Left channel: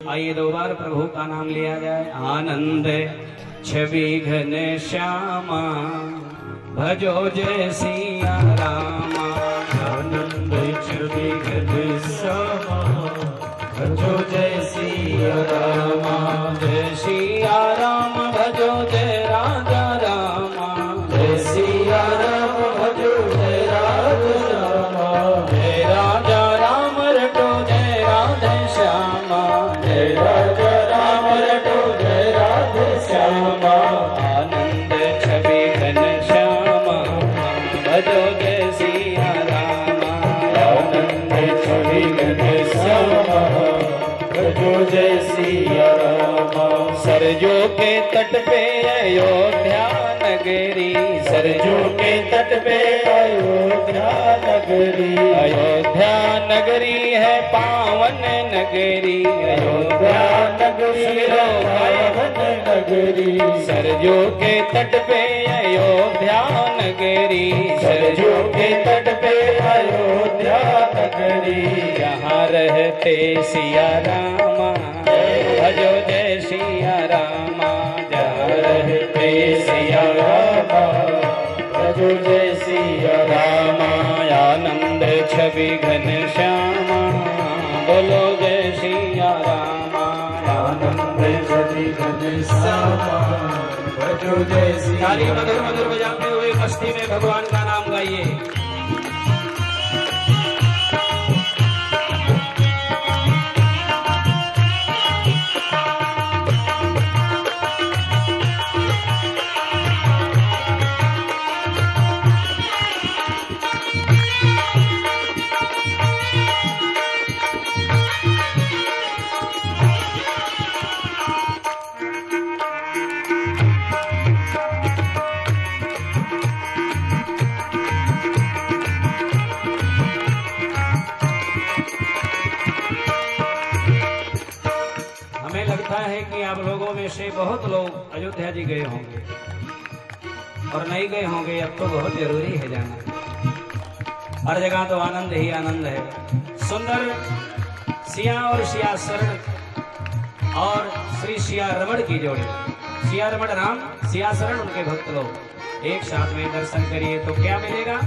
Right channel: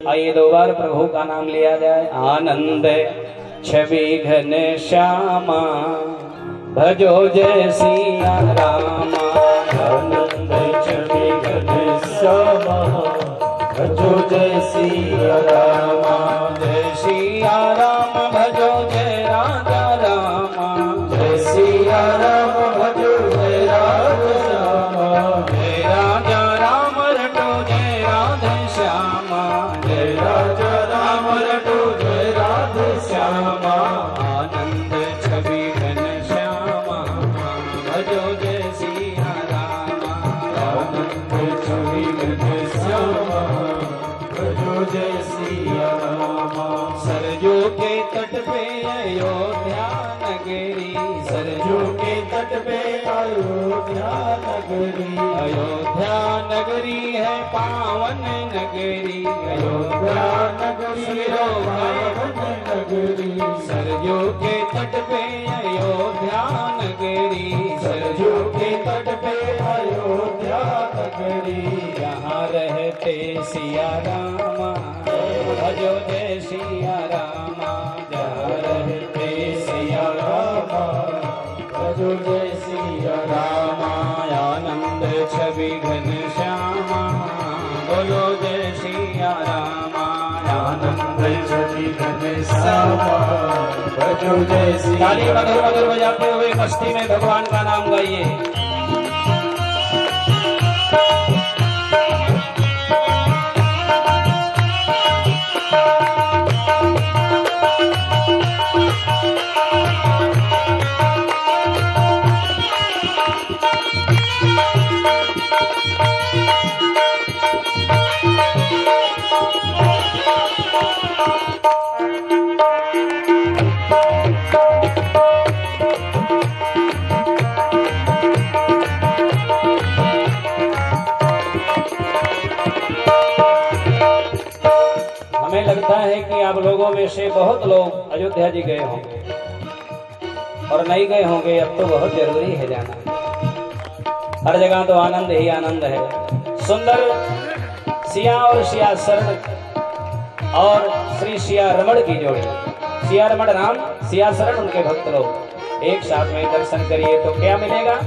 आइए दो बार प्रभु का नाम लिया जाए। आनंद छवि घन श्यामा भजो जय सिया रामा। आनंद छवि घन श्यामा भजो जय सिया रामा। जय सिया राम भजो जय राजा रामा। जय सिया राम भजो जय राजा श्यामा। जय राजा राम रटो जय राधे श्यामा। जय राजा राम रटो जय राधे श्यामा। आनंद छवि घन श्यामा भजो जय सिया रामा। आनंद छवि घन श्यामा भजो जय सिया रामा। सरजू के तट पे अयोध्या नगरी। सरजू के तट पे अयोध्या नगरी। अयोध्या नगरी है पावन नगरी। अयोध्या नगरी है पावन नगरी। सरजू के तट पे अयोध्या नगरी। सरजू के तट पे अयोध्या नगरी। यहाँ रहते सिया रामा भजो जय सिया रामा। जहाँ रहते सिया रामा भजो जय सिया रामा। आनंद छवि घन श्यामा बोलो जय सिया रामा। आनंद छवि घन श्यामा भजो जय सिया। ताली मधुर मधुर बजाते हुए मस्ती में भगवान का नाम गाइए। हमें लगता है कि आप लोगों में से बहुत लोग अयोध्या जी गए होंगे और नहीं गए होंगे। अब तो बहुत जरूरी है जाना। हर जगह तो आनंद ही आनंद है। सुंदर सिया और सिया शरण और श्री सिया रमण की जोड़ी। सिया रमण राम, सिया शरण उनके भक्त लोग एक साथ में दर्शन करिए तो क्या मिलेगा।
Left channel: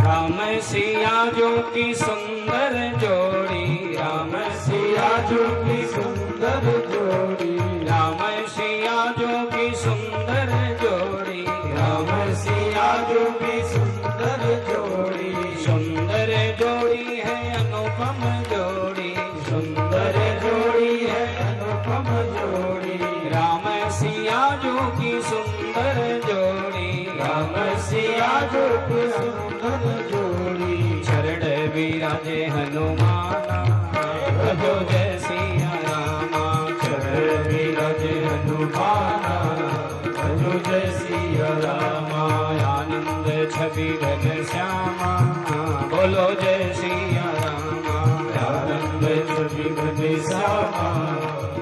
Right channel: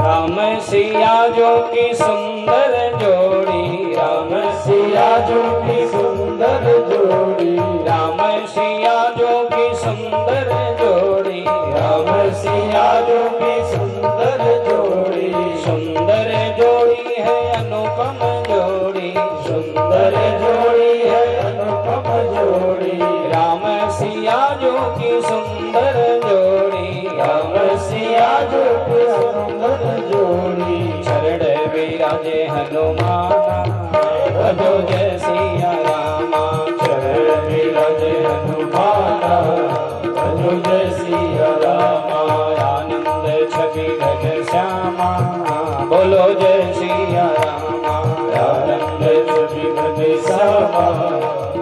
राम सिया जो की सुंदर जोड़ी। राम सिया जो की सुंदर जोड़ी। राम सिया जो की सुंदर जोड़ी। राम सिया जो की सुंदर जोड़ी। सुंदर जोड़ी है अनुपम जोड़ी। सुंदर जोड़ी है अनुपम जोड़ी। राम सिया जो की सुंदर जोड़ी। राम सिया जो की सुंदर जोड़ी। चरण विराजे हनुमाना भजो जय सिया रामा। चरण विराजे हनुमाना भजो जय सिया रामा। आनंद छवि घन श्यामा बोलो जय सिया रामा। आनंद छवि घन श्यामा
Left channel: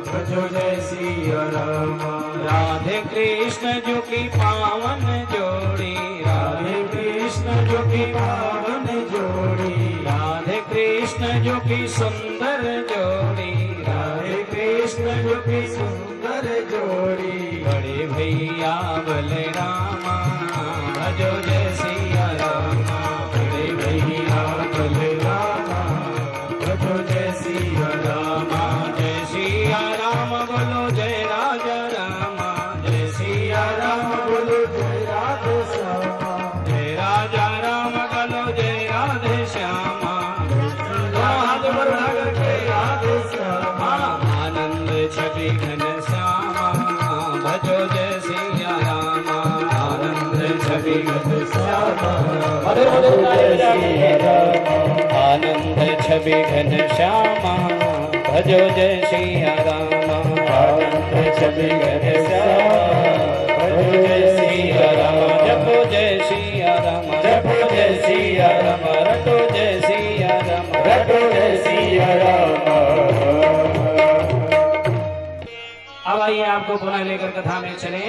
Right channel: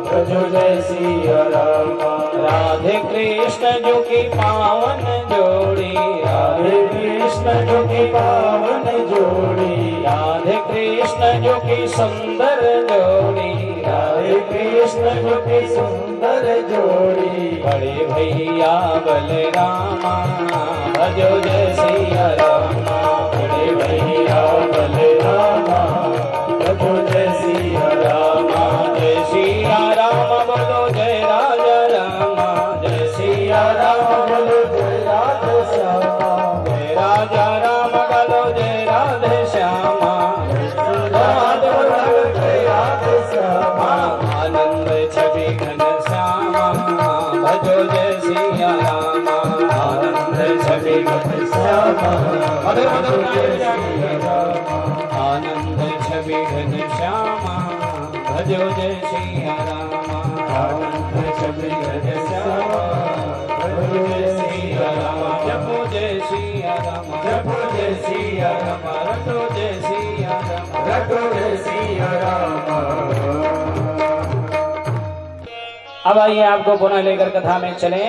भजो जय सिया रामा। राधे कृष्ण जो की पावन जोड़ी। राधे कृष्ण जो की पावन जोड़ी। राधे कृष्ण जो की सुंदर जोड़ी। राधे कृष्ण जो की सुंदर जोड़ी। बड़े भैया बलरामा भजो जय सिया रामा। बड़े भैया बलरामा भजो जय सिया रामा। जय सिया राम बोलो जय राजा रामा। जय सिया राम बोलो जय राधे श्यामा। जय राजा राम बोलो जय राधे श्यामा। जय राधे श्यामा। आनंद छवि घन श्यामा भजो जय सिया रामा। आनंद छवि घन श्यामा मधुर मधुर जय सिया रामा। आनंद छवि घन श्यामा भजो जय सिया रामा। आनंद छवि घन श्यामा भजो जय सिया रामा। जपो जय सिया राम। जपो जय सिया राम रटो जय सिया राम। रटो जय सिया रामा। अब आइए आपको पुनः लेकर कथा में चले।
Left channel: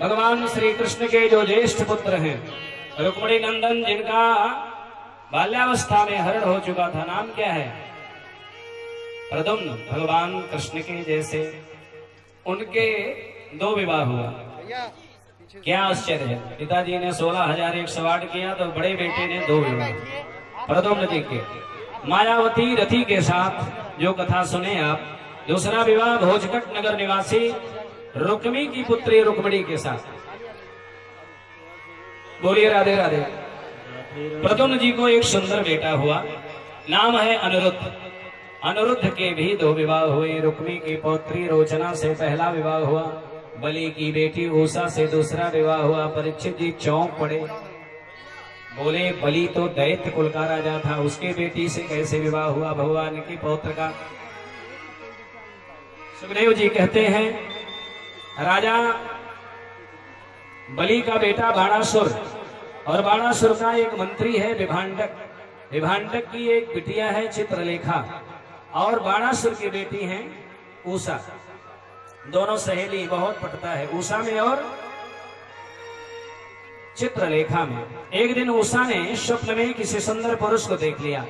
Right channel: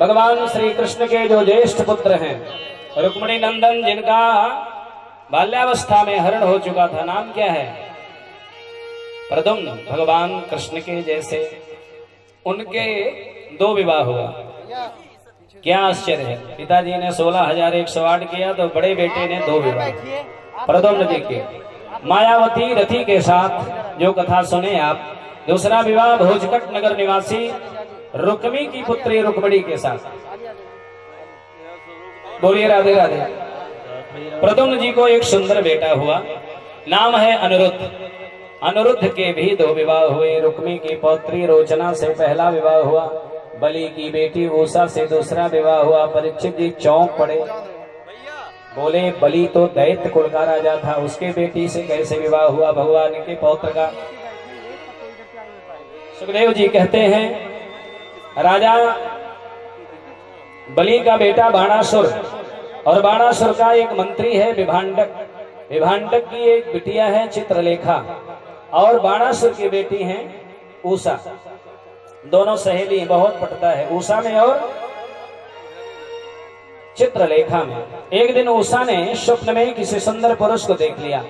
भगवान श्री कृष्ण के जो ज्येष्ठ पुत्र हैं रुक्मिणी नंदन, जिनका बाल्यावस्था में हरण हो चुका था, नाम क्या है? प्रद्युम्न भगवान कृष्ण के जैसे उनके 2 विवाह हुआ। क्या आश्चर्य है, पिताजी ने 16,108 किया तो बड़े बेटे ने 2 विवाह प्रद्युम्न जी के। मायावती रथी के साथ जो कथा सुने आप। दूसरा विवाह भोजकट नगर निवासी रुक्मी की पुत्री रुक्मणी के साथ। बोलिए राधे राधे। प्रद्युम्न जी को एक सुंदर बेटा हुआ, नाम है अनिरुद्ध। अनिरुद्ध के भी 2 विवाह हुए। रुक्मी की पौत्री रोचना से पहला विवाह हुआ। बलि की बेटी उषा से दूसरा विवाह हुआ। परीक्षित जी चौंक पड़े, बोले बलि तो दैत्य कुल का राजा था, उसके बेटी से कैसे विवाह हुआ भगवान के पौत्र का। सुखदेव जी कहते हैं राजा बलि का बेटा बाणासुर, और बाणासुर का एक मंत्री है विभांडक। विभांडक की एक बिटिया है चित्रलेखा, और बाणासुर की बेटी है उषा। दोनों सहेली, बहुत पटता है उषा में और चित्रलेखा में। एक दिन उषा ने स्वप्न में किसी सुंदर पुरुष को देख लिया।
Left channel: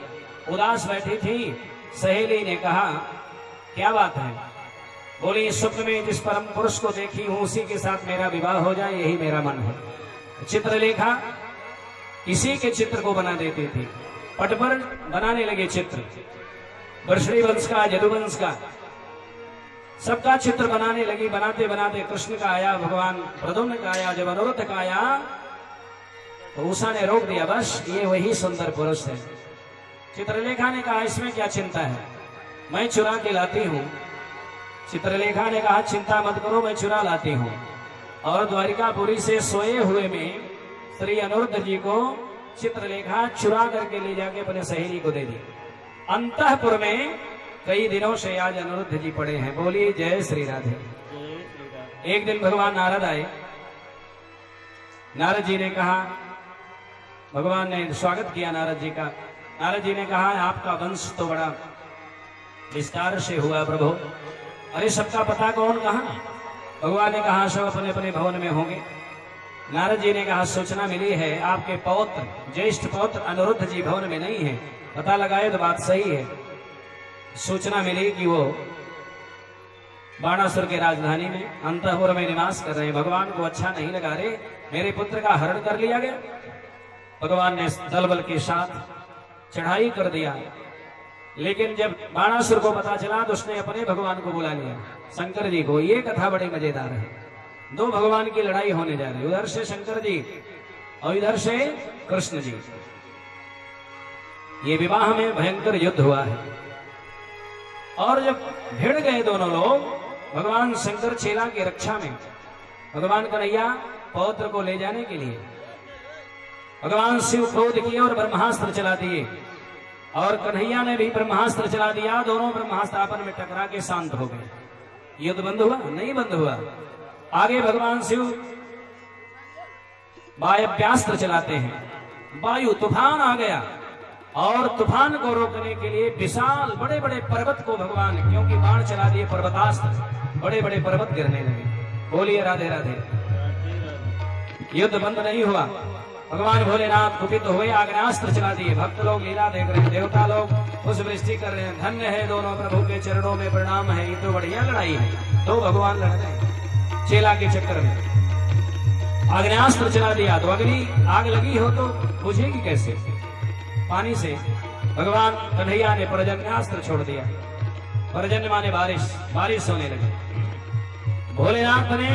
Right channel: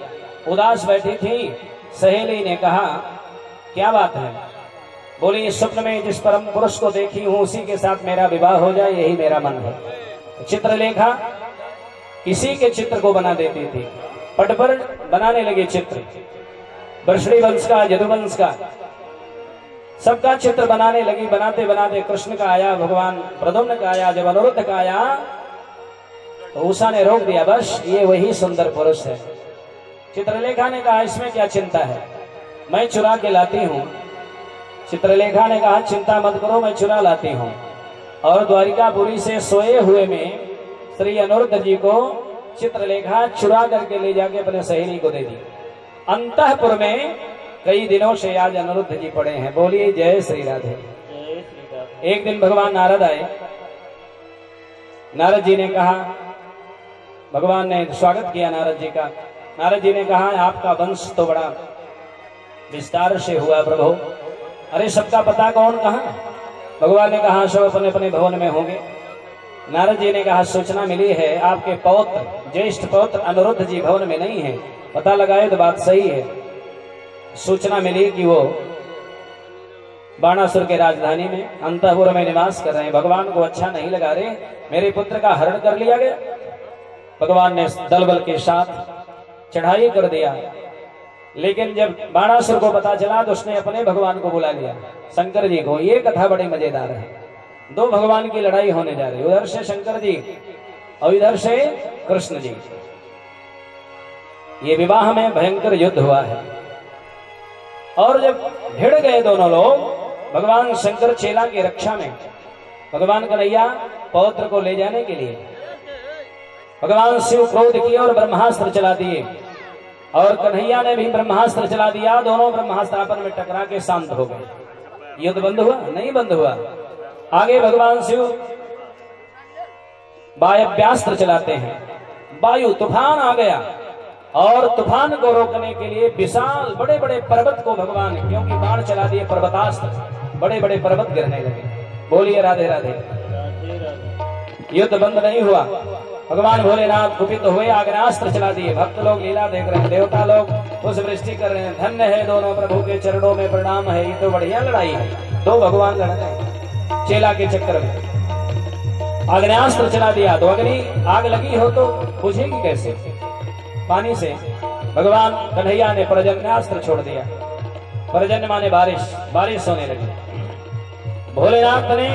उदास बैठी थी, सहेली ने कहा क्या बात है? बोली स्वप्न में जिस परम पुरुष को देखी हूं उसी के साथ मेरा विवाह हो जाए, यही मेरा मन है। चित्रलेखा किसी के चित्र को बना देती थी, पट पर बनाने लगे चित्र, वर्षणी वंश का, यदुवंश का, सबका चित्र बनाने लगी। बनाते बनाते कृष्ण का आया, भगवान प्रद्युम्न का आया। जब अनिरुद्ध का आया तो उषा ने रोक दिया, बस ये वही सुंदर पुरुष है। चित्रलेखा ने कहा इसमें क्या चिंता है, मैं चुरा के लाती हूँ। चित्रलेखा ने कहा चिंता मत करो, मैं चुरा लाती हूँ। और द्वारिकापुरी से सोए हुए में श्री अनिरुद्ध जी को चित्रलेखा चुरा करके ले जाके अपने सहेली को दे दी। अंतःपुर में कई दिनों से आज अनिरुद्ध जी पड़े हैं। बोलिए जय श्री राधे। एक दिन भगवान नारद आए। नारद जी ने कहा, भगवान ने स्वागत किया नारद जी का। नारद जी ने कहा आपका वंश तो बड़ा विस्तार से हुआ प्रभु। अरे सबका पता कौन कहाँ? भगवान ने कहा सब अपने अपने भवन में होंगे। नारद जी ने कहा सूचना मिली है आपके पौत्र, ज्येष्ठ पौत्र अनिरुद्ध जी भवन में नहीं है। पता लगाए तो बात सही है। सूचना मिली कि वो बाणासुर के राजधानी में अंतःपुर में निवास कर रहे हैं। भगवान को अच्छा नहीं लगा रहे, मेरे पुत्र का हरण कर लिया गया। भगवान ने दल बल के साथ चढ़ाई कर दिया। लेकिन जब बाणासुर को पता चला तो उसने अपने भगवान को बुला लिया, शंकर जी को। ये कथा बड़ी मजेदार है। 2 भगवान की लड़ाई होने जा रही, उधर से शंकर जी और इधर से कृष्ण जी। ये विवाह में भयंकर युद्ध हुआ है। और जब भिड़ गए दोनों लोग, भगवान शंकर चेला की रक्षा में, भगवान कन्हैया पौत्र को ले जाने के लिए भगवान शिव क्रोध किए और ब्रह्मास्त्र चला दिए। और कन्हैया ने भी ब्रह्मास्त्र चला दिया। दोनों ब्रह्मास्त्र आपस में टकरा के शांत हो गए। युद्ध बंद हुआ? नहीं बंद हुआ। आगे भगवान शिव वायव्यास्त्र चलाते हैं। वायु तूफान आ गया और तूफान को रोकने के लिए विशाल बड़े बड़े पर्वत को भगवान, क्योंकि बाण चला दिए पर्वतास्त्र, बड़े बड़े पर्वत गिरने लगे। बोलिए राधे राधे। युद्ध बंद नहीं हुआ। भगवान भोलेनाथ कुपित हुए, आग्नेयास्त्र चला दिए। भक्त लोग लीला देख रहे हैं, देवता लोग पुष्प वृष्टि कर रहे हैं। धन्य है दोनों प्रभु के चरणों में प्रणाम है। ये तो बढ़िया लड़ाई है। 2 भगवान लड़ रहे चेला के चक्कर में। आग्नेयास्त्र चला दिया तो अग्नि, आग लगी हो तो बुझेगी कैसे? पानी से। भगवान कन्हैया ने पर्जन्यास्त्र छोड़ दिया। पर्जन्य माने बारिश, बारिश होने लगी। भोलेनाथ ने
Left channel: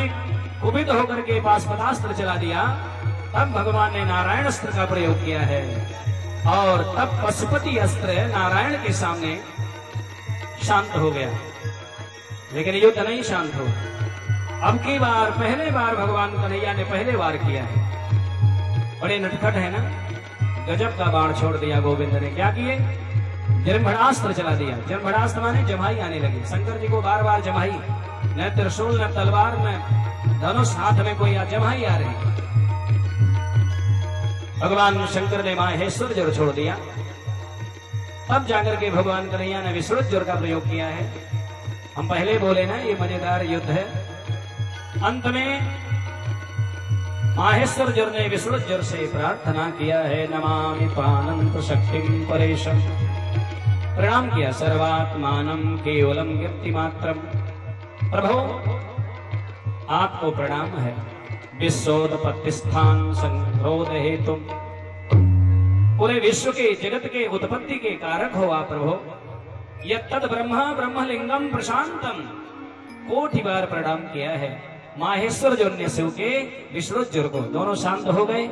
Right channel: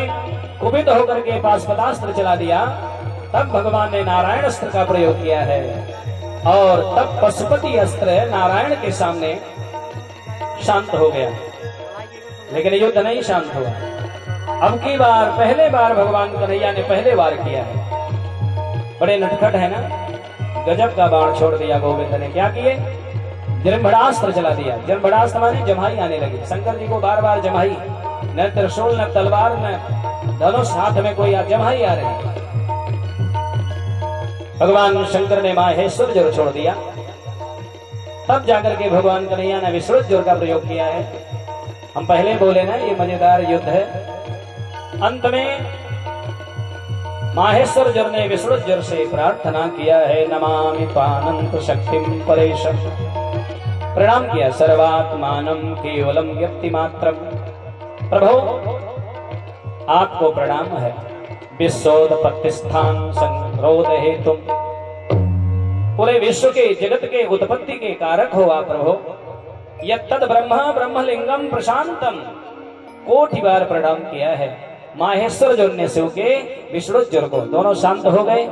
कुपित होकर के पाशुपतास्त्र चला दिया। तब भगवान ने नारायण अस्त्र का प्रयोग किया है और तब पशुपति अस्त्र नारायण के सामने शांत हो गया। लेकिन युद्ध नहीं शांत हुआ। अब की बार, पहले बार भगवान कन्हैया ने पहले बार किया है। बड़े नटखट है ना, गजब का बाण छोड़ दिया गोविंद ने। क्या किए? जमभड़ास्त्र चला दिया। जमभड़ास्त्र माने जम्हाई आने लगी। शंकर जी को बार बार जम्हाई, न त्रिशूल न तलवार न धनुष हाथ में कोई जम्हाई आ रही। भगवान शंकर ने माहेश्वर जोर छोड़ दिया। तब जाकर के भगवान कन्हैया ने विश्रुत जोर का प्रयोग किया है। हम पहले बोले ना ये मजेदार युद्ध है। अंत में माहेश्वर जोर ने विश्रुत जोर से प्रार्थना किया है, नमामि पानंत शक्तिं परेशम प्रणाम किया। सर्वात्मानं केवलम व्यक्ति मात्रम, प्रभु आपको प्रणाम है। विश्वोत्पत्ति स्थान संरोध हेतु, पूरे विश्व के जगत के उत्पत्ति के कारक हो आप प्रभु। यत्तद ब्रह्म ब्रह्मलिंगम प्रशांतम, कोटि बार प्रणाम किया है। माहेश्वर जो ने शिव के विष्णुज्वर को, दोनों शांत हो गए।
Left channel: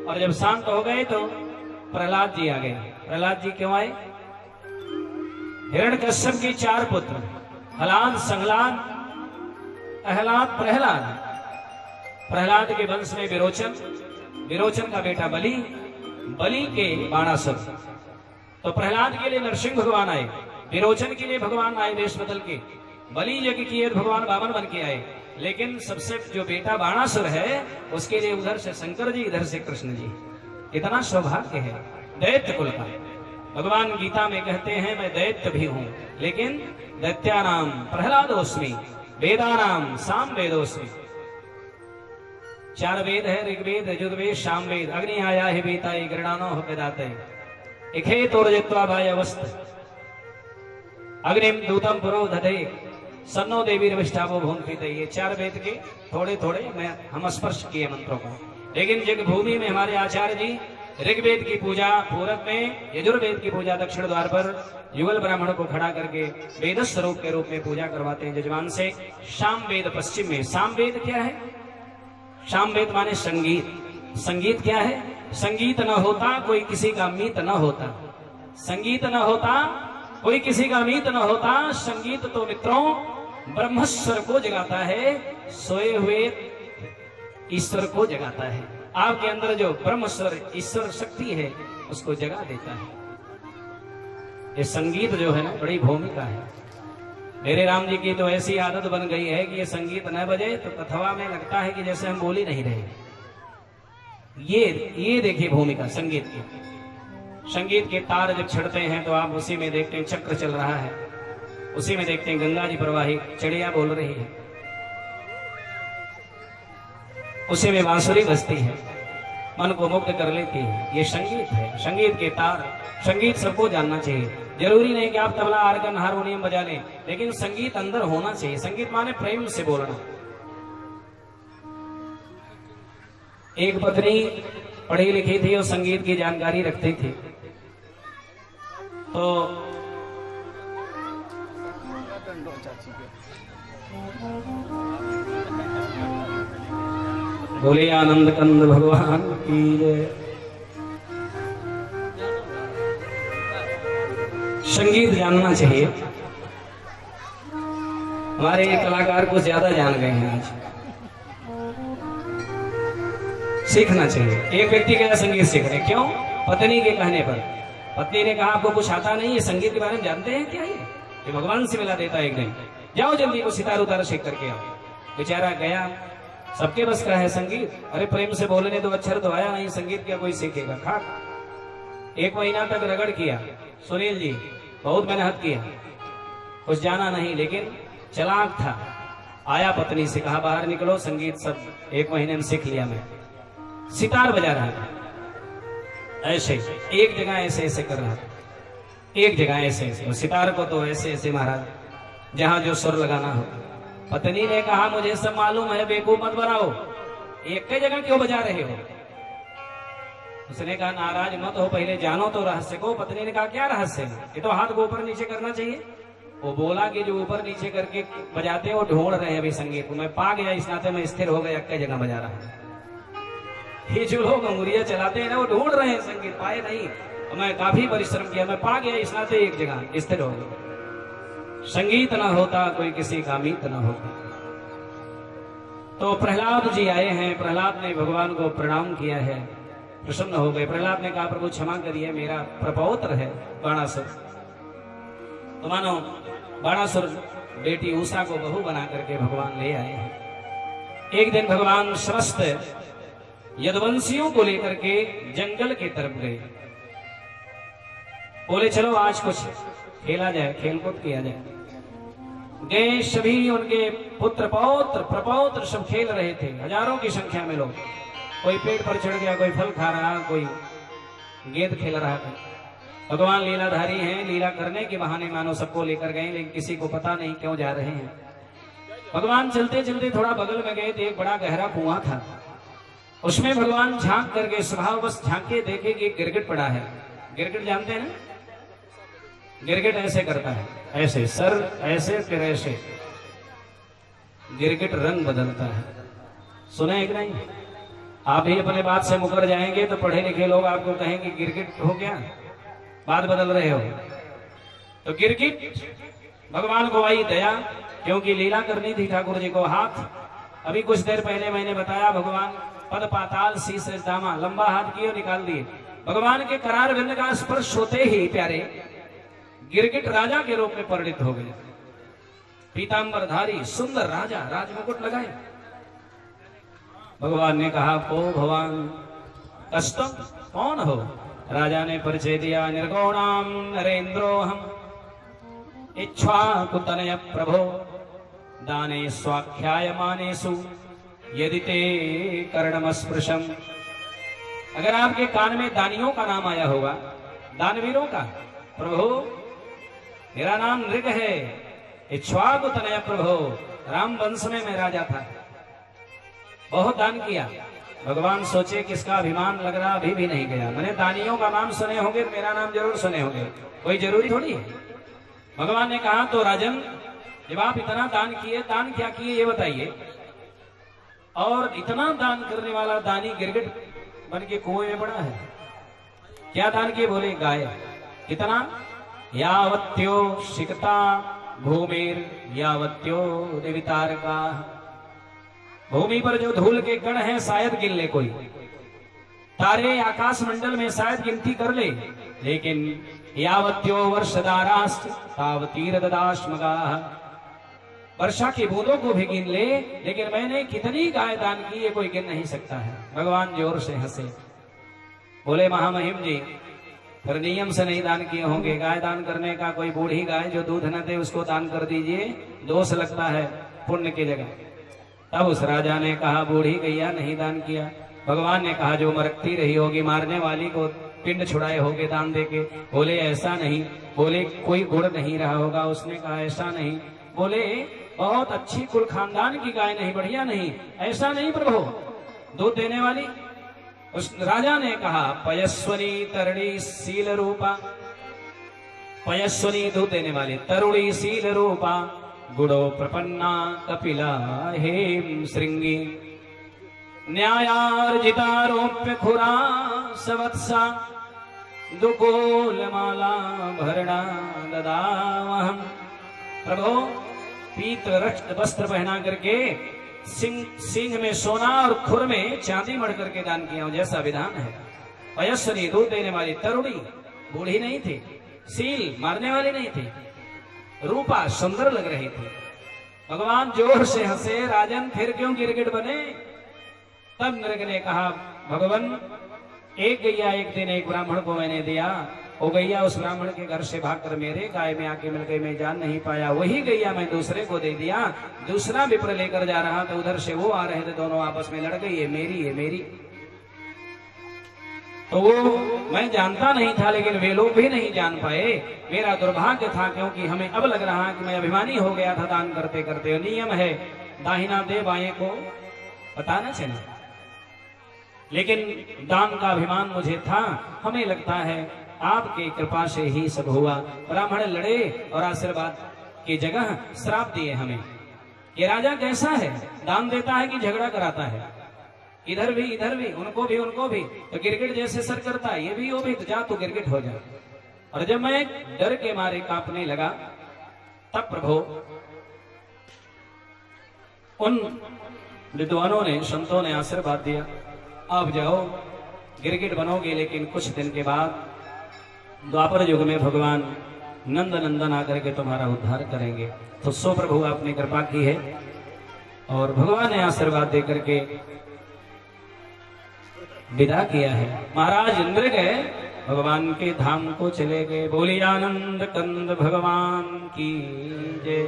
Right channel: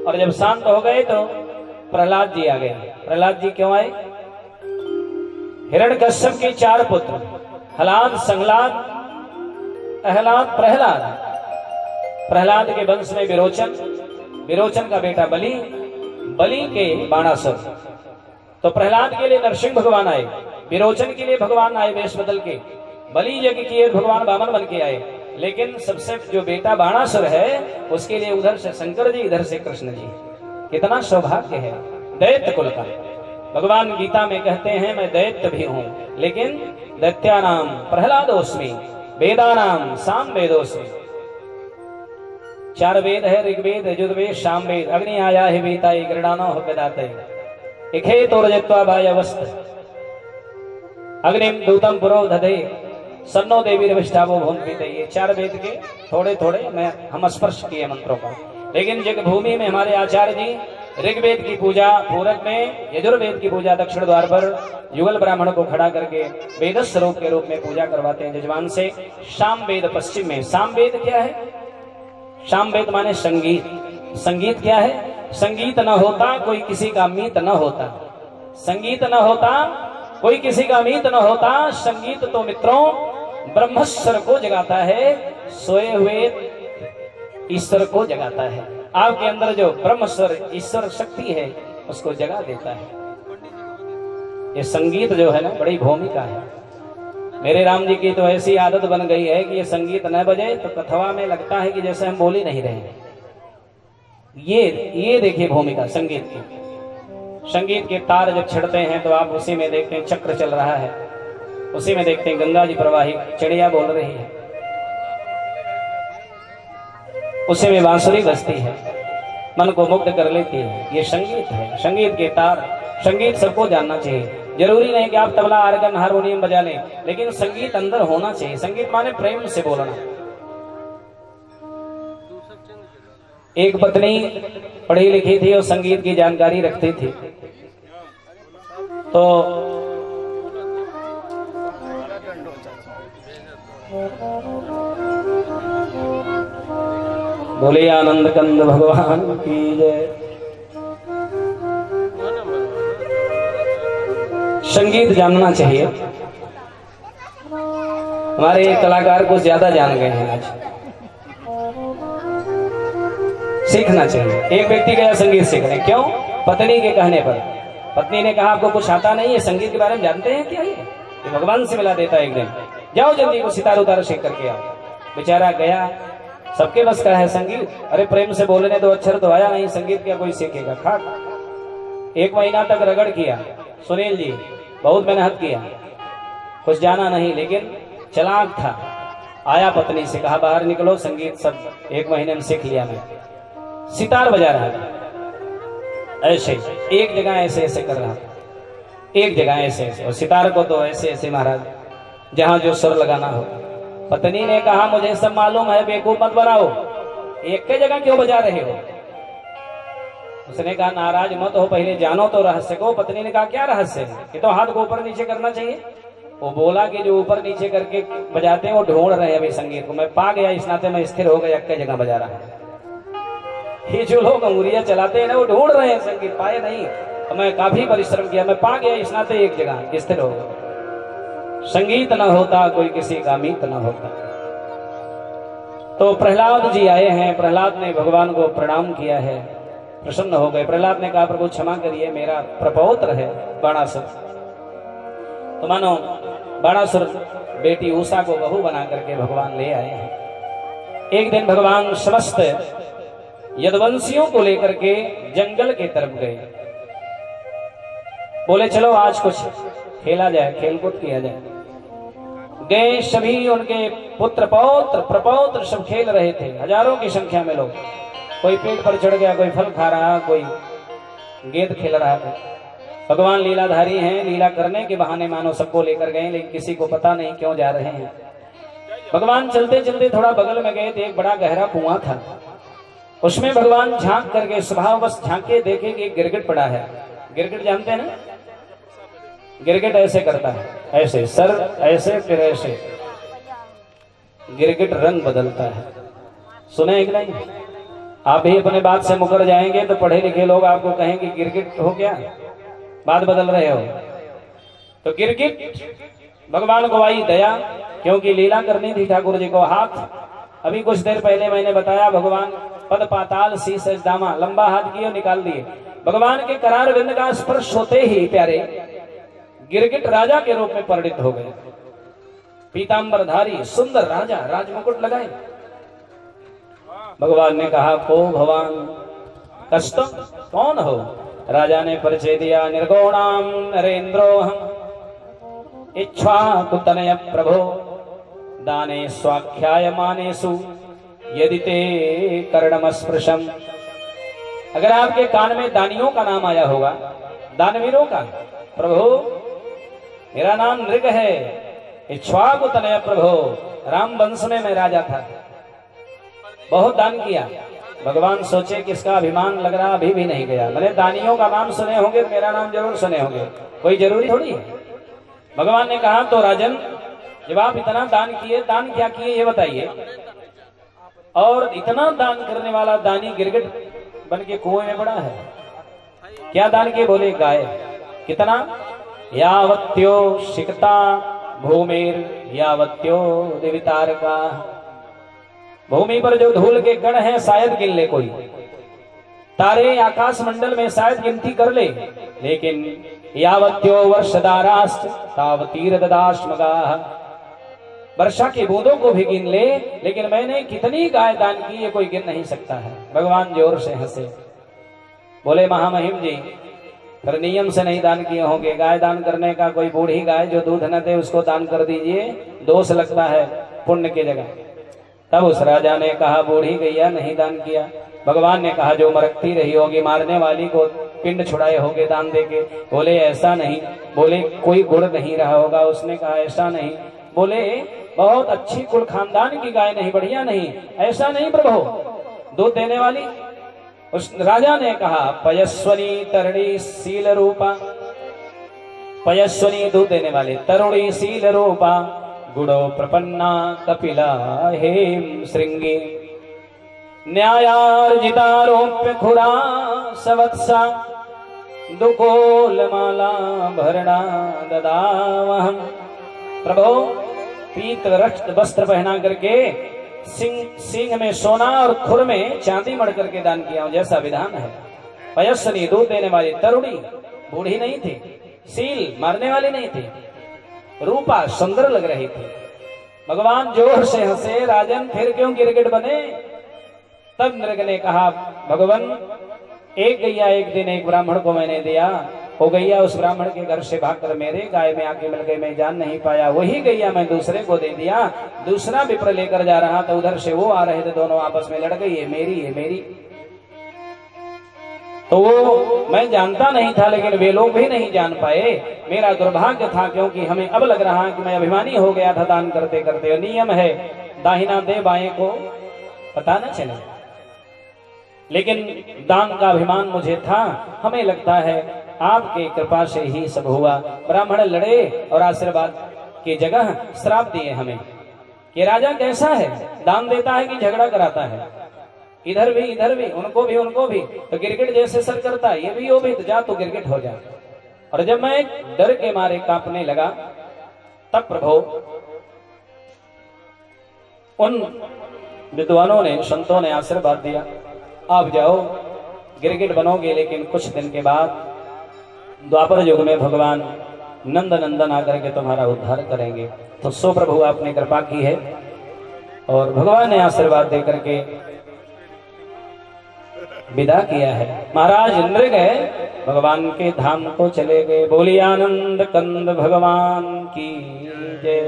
और जब शांत हो गए तो प्रहलाद जी आ गए। प्रहलाद जी क्यों आए? हिरण्यकश्यप के 4 पुत्र, हलाद, संहलाद, अहलाद, प्रहलाद। प्रहलाद के वंश में विरोचन, विरोचन का बेटा बलि, बलि के बाणासुर। तो प्रहलाद के लिए नरसिंह भगवान आए, विरोचन के लिए भगवान आए वेश बदल के, बलि यज्ञ किए भगवान वामन बन के आए। लेकिन सबसे जो बेटा बाणासुर है उसके लिए उधर से शंकर जी, इधर से कृष्ण जी। कितना सौभाग्य है दैत्य कुल का। भगवान गीता में कहते हैं मैं दैत्य भी हूं, लेकिन दैत्यानाम प्रहलादोस्मि, वेदानाम सामवेदोस्मि। 4 वेद है, ऋग्वेद, यजुर्वेद, सामवेद। अग्नि आया है बीता गृणानो हो वेदाते इखे तोरजत्वा वायवस्त अग्निम दूतम पुरो दधे सन्नो देवी विष्ठावो भूमि। ये 4 वेद के थोड़े थोड़े हम स्पर्श किए मंत्रों का। लेकिन जग भूमि में हमारे आचार्य जी ऋग्वेद की पूजा पूरब में, यजुर्वेद की पूजा दक्षिण द्वार पर युगल ब्राह्मण को खड़ा करके वेद स्वरूप के रूप में पूजा करवाते हैं जजमान से। सामवेद पश्चिम में। सामवेद क्या है? सामवेद माने संगीत। संगीत क्या है? संगीत न होता कोई किसी का मीत न होता। संगीत न होता कोई किसी का मीत न होता। संगीत तो मित्रों ब्रह्मस्वर को जगाता है, सोए हुए ईश्वर को जगाता है। आपके अंदर जो ब्रह्मस्वर ईश्वर शक्ति है उसको जगा देता है। ये संगीत जो है ना बड़ी भूमिका है। मेरे राम जी की तो ऐसी आदत बन गई है कि ये संगीत न बजे तो कथवा में लगता है कि जैसे हम बोल ही नहीं रहे। ये देखिए भूमिका संगीत की। संगीत के तार जब छिड़ते हैं तो आप उसी में देखते हैं चक्र चल रहा है, उसी में देखते हैं गंगा जी प्रवाहित, चिड़िया बोल रही है, उसी में बांसुरी बजती है, मन को मुक्त कर लेती है। ये संगीत है, संगीत के तार। संगीत सबको जानना चाहिए। जरूरी नहीं कि आप तबला, आर्गन, हारमोनियम बजा लें, लेकिन संगीत अंदर होना चाहिए। संगीत माने प्रेम से बोलना। एक पत्नी पढ़ी लिखी थी और संगीत की जानकारी रखती थी, तो बोले आनंद कंद भगवान की जय। संगीत जानना चाहिए। हमारे कलाकार कुछ ज्यादा जान गए हैं, आज सीखना चाहिए। एक व्यक्ति गया संगीत सीखने, क्यों? पत्नी के कहने पर। पत्नी ने कहा आपको कुछ आता नहीं है, संगीत के बारे में जानते हैं क्या? ये भगवान से मिला देता है एक दिन, जाओ जल्दी को सितार उतार सीख करके आओ। बेचारा गया, सबके बस का है संगीत। अरे प्रेम से बोलने दो, अक्षर तो आया नहीं, संगीत क्या कोई सीखेगा? खाक। 1 महीना तक रगड़ किया सुनील जी, बहुत मेहनत किया, कुछ जाना नहीं, लेकिन चालाक था। आया पत्नी से कहा बाहर निकलो, संगीत सब 1 महीने में सीख लिया मैं। सितार बजा रहा था, ऐसे एक जगह ऐसे ऐसे कर रहा था, एक जगह ऐसे ऐसे, और सितार को तो ऐसे ऐसे महाराज जहां जो सुर लगाना हो। पत्नी ने कहा मुझे सब मालूम है, बेवकूफ मत बनाओ, एक के जगह क्यों बजा रहे हो? उसने कहा नाराज मत हो, पहले जानो तो रहस्य को। पत्नी ने कहा क्या रहस्य है? ये तो हाथ को ऊपर नीचे करना चाहिए। वो बोला कि जो ऊपर नीचे करके बजाते हैं वो ढूंढ रहे हैं अभी संगीत को। मैं पा गया, इस नाते मैं स्थिर हो गया, एक जगह बजा रहा हूं। ये जो लोग अंगुरियां चलाते हैं ना, वो ढूंढ रहे हैं संगीत, पाए नहीं। मैं काफी परिश्रम किया, मैं पा गया, इस नाते एक जगह स्थिर हो गया। संगीत न होता कोई किसी का मीत न होता। तो प्रहलाद जी आए हैं, प्रहलाद ने भगवान को प्रणाम किया है, प्रसन्न हो गए। प्रहलाद ने कहा प्रभु क्षमा करिए, मेरा प्रपौत्र है बाणासुर। तो मानो बाणासुर बेटी उषा को बहू बना करके भगवान ले आए हैं। एक दिन भगवान समस्त यदुवंशियों को लेकर के जंगल के तरफ गए। बोले चलो आज कुछ खेला जाए, खेलकूद किया जाए। गए, सभी उनके पुत्र पौत्र प्रपौत्र सब खेल रहे थे, हजारों की संख्या में लोग। कोई पेड़ पर चढ़ गया, कोई फल खा रहा, कोई गेंद खेल रहा था। भगवान लीलाधारी हैं, लीला करने के बहाने मानो सबको लेकर गए, लेकिन किसी को पता नहीं क्यों जा रहे हैं। भगवान चलते चलते थोड़ा बगल में गए थे, एक बड़ा गहरा कुआं था। उसमें भगवान झांक करके स्वभाव बस झांके देखे कि गिरगिट पड़ा है। गिरगिट जानते हैं ना, गिरगिट ऐसे करता है, ऐसे सर ऐसे फिर ऐसे, गिरगिट रंग बदलता है। सुने कि नहीं? आप भी अपने बात से मुकर जाएंगे तो पढ़े लिखे लोग आपको कहेंगे गिरगिट हो क्या, बात बदल रहे हो। तो गिरगिट भगवान को आई दया, क्योंकि लीला करनी थी ठाकुर जी को। हाथ अभी कुछ देर पहले मैंने बताया, भगवान पद पाताल शीश दामा, लंबा हाथ किए निकाल दिए। भगवान के करार बिंद का स्पर्श होते ही प्यारे गिरगिट राजा के रूप में परिणित हो गए। पीतांबरधारी सुंदर राजा, राजमुकुट लगाए। भगवान ने कहा को भगवान कष्ट कौन हो? राजा ने परिचय दिया, निर्गुणाम नरेंद्रोहम इच्छाकुतनय प्रभो दाने स्वाख्याय मानेसु यदि ते कर्णमस्पृशम। अगर आपके कान में दानियों का नाम आया होगा, दानवीरों का, प्रभु मेरा नाम नृग है, इक्ष्वाकुतनय प्रभो, राम वंश में मैं राजा था, बहुत दान किया। भगवान सोचे किसका अभिमान लग रहा, अभी भी नहीं गया। मैंने दानियों का नाम सुने होंगे, मेरा नाम जरूर सुने होंगे, कोई जरूरी थोड़ी है। भगवान ने कहा तो राजन जब आप इतना दान किए, दान क्या किए ये बताइए। और इतना दान करने वाला दानी गिरगिट बन के कुएं में पड़ा है, क्या दान किए? बोले गाय। कितना? यावत्यो शिकता भूमिर यावत्यो देवितारका। भूमि पर जो धूल के कण हैं शायद गिन ले कोई, तारे आकाश मंडल में शायद गिनती कर ले, लेकिन यावत्यो वर्षदाराश्च तावतीर ददाश्मगाः। वर्षा की बूंदों को भी गिन ले, लेकिन मैंने कितनी गाय दान की ये कोई गिन नहीं सकता है। भगवान जोर से हंसे, बोले महामहिम जी फिर नियम से नहीं दान किए होंगे। गाय दान करने का, कोई बूढ़ी गाय जो दूध न दे उसको दान कर दीजिए, दोष लगता है पुण्य की जगह। तब उस राजा ने कहा बूढ़ी गैया नहीं दान किया। भगवान ने कहा जो मरकती रही होगी, मारने वाली को पिंड छुड़ाए होगे दान देके। बोले ऐसा नहीं। बोले कोई गुण नहीं रहा होगा। उसने कहा ऐसा नहीं। बोले बहुत अच्छी कुल खानदान की गाय नहीं, बढ़िया नहीं, ऐसा नहीं प्रभु, दूध देने वाली। उस राजा ने कहा पयस्वनी तरुणी शील रूपा, पयस्वनी दूध देने वाली, तरुणी शील रूपा, गुड़ो प्रपन्ना कपिला हेम श्रृंगी, न्यायार्जितारोप्य खुरा सवत्सा, दुकोलमाला भरणा ददावहम। प्रभु पीत रक्त वस्त्र पहना करके सिंह में सोना और खुर में चांदी मढ़ करके दान किया हूं, जैसा विधान है। पयस्वनी दूध देने वाली, तरुणी बूढ़ी नहीं थी, सील मारने वाली नहीं थी, रूपा सुंदर लग रही थी। भगवान जोर से हंसे, राजन फिर क्यों गिरगिट बने? तब नृग ने कहा भगवान एक गैया एक दिन एक ब्राह्मण को मैंने दिया, वो गैया उस ब्राह्मण के घर से भागकर मेरे गाय में आके मिल गई, मैं जान नहीं पाया। वही गैया मैं दूसरे को दे दिया, दूसरा विप्र लेकर जा रहा था, उधर से वो आ रहे थे, दोनों आपस में लड़ गई, ये मेरी है मेरी। तो वो मैं जानता नहीं था, लेकिन वे लोग भी नहीं जान पाए। मेरा दुर्भाग्य था, क्योंकि हमें अब लग रहा है कि मैं अभिमानी हो गया था दान करते करते। नियम है दाहिना दे बाएं को पता न चले, लेकिन दान का अभिमान मुझे था। हमें लगता है आपके कृपा से ही सब हुआ। ब्राह्मण लड़े और आशीर्वाद की जगह श्राप दिए हमें कि राजा कैसा है, दान देता है कि झगड़ा कराता है, इधर भी उनको भी। तो गिरगिट जैसे सर करता है, ये भी वो भी, तो जा तो गिरगिट हो जा। और जब मैं डर के मारे कांपने लगा, तब प्रभु उन विद्वानों ने, संतों ने आशीर्वाद दिया, आप जाओ गिरगिट बनोगे, लेकिन कुछ दिन के बाद द्वापर युग में भगवान नंद नंदन आकर के तुम्हारा उद्धार करेंगे। तो सो प्रभु आपने कृपा की है। और भगवान ने आशीर्वाद देकर के विदा किया है। महाराज नृग भगवान के धाम को चले गए। बोली आनंद कंद भगवान की जय।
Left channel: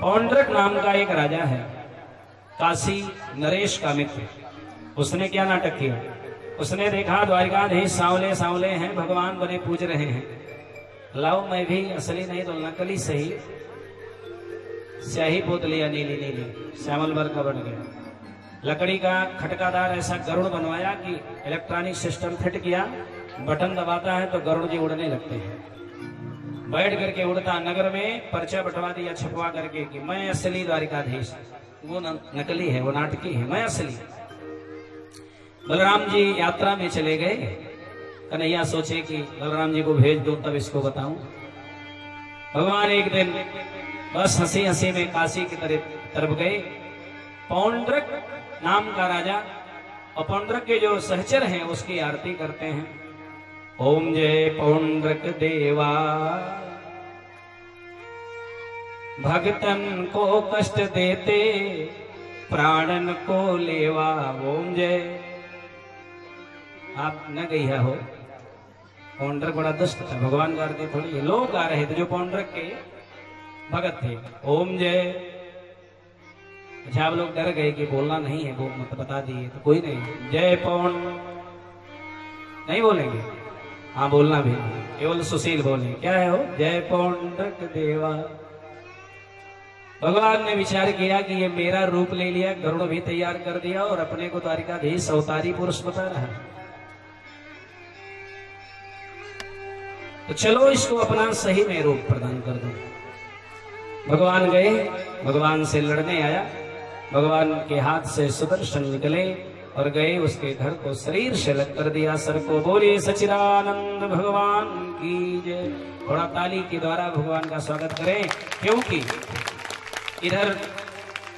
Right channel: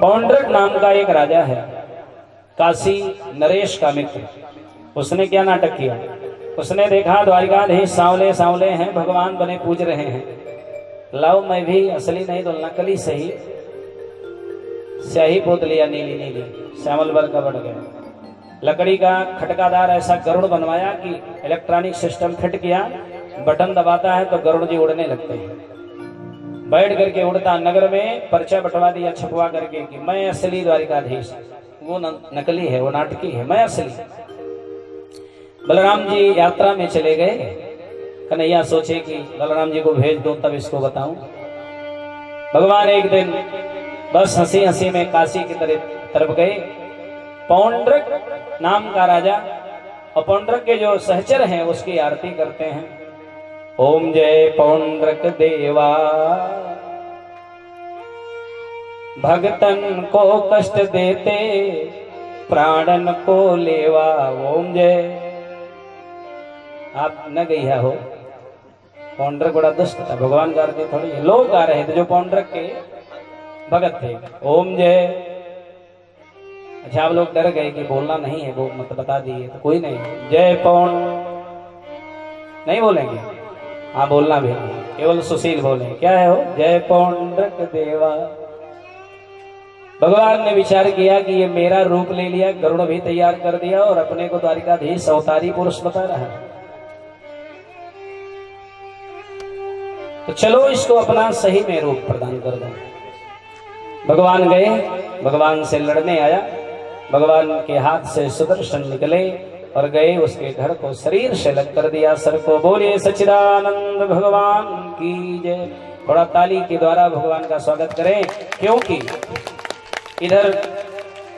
पौंड्रक नाम का एक राजा है, काशी नरेश का मित्र। उसने क्या नाटक किया? उसने देखा द्वारिकाधीश सांवले सांवले हैं, भगवान बने पूज रहे हैं। लाओ मैं भी असली नहीं तो नकली सही स्याही पोत लिया, नीली नीली श्यामल वर्ग का बन गया। लकड़ी का खटकादार ऐसा गरुड़ बनवाया कि इलेक्ट्रॉनिक सिस्टम फिट किया, बटन दबाता है तो गरुड़ जी उड़ने लगते हैं। बैठ करके उड़ता, नगर में पर्चा बंटवा दिया छपवा करके कि मैं असली द्वारिकाधीश, वो नकली है, वो नाटकी है, मैं असली। बलराम जी यात्रा में चले गए। कन्हैया सोचे कि बलराम जी को भेज दो तब इसको बताऊं। भगवान एक दिन बस हंसी हंसी में काशी की तरफ गए। पौंड्रक नाम का राजा और पौंड्रक के जो सहचर हैं उसकी आरती करते हैं। ओम जय पौंड्रक देवा, भगतन को कष्ट देते प्राणन को लेवा। ओम जय। आप न गई हो, पौंड्रक बड़ा दुष्ट था, भगवान का आरती थोड़ी है। लोग गा रहे थे जो पौंड्रक के भगत थे। ओम जय। अच्छा आप लोग डर गए कि बोलना नहीं है, वो मत बता दिए तो कोई नहीं। जय पौंड नहीं बोलेंगे, हाँ बोलना भी नहीं, केवल सुशील बोले। क्या है वो? जय पौंड्रक देवा। भगवान ने विचार किया कि ये मेरा रूप ले लिया, गरुड़ भी तैयार कर दिया और अपने को द्वारिकाधीश अवतारी पुरुष बता रहा है, तो चलो इसको अपना सही में रूप प्रदान कर दो। भगवान गए, भगवान से लड़ने आया। भगवान के हाथ से सुदर्शन निकले और गए उसके घर को शरीर से लग कर दिया। सर को बोले सच्चिदानंद भगवान की जय। थोड़ा ताली के द्वारा भगवान का स्वागत करें, क्योंकि इधर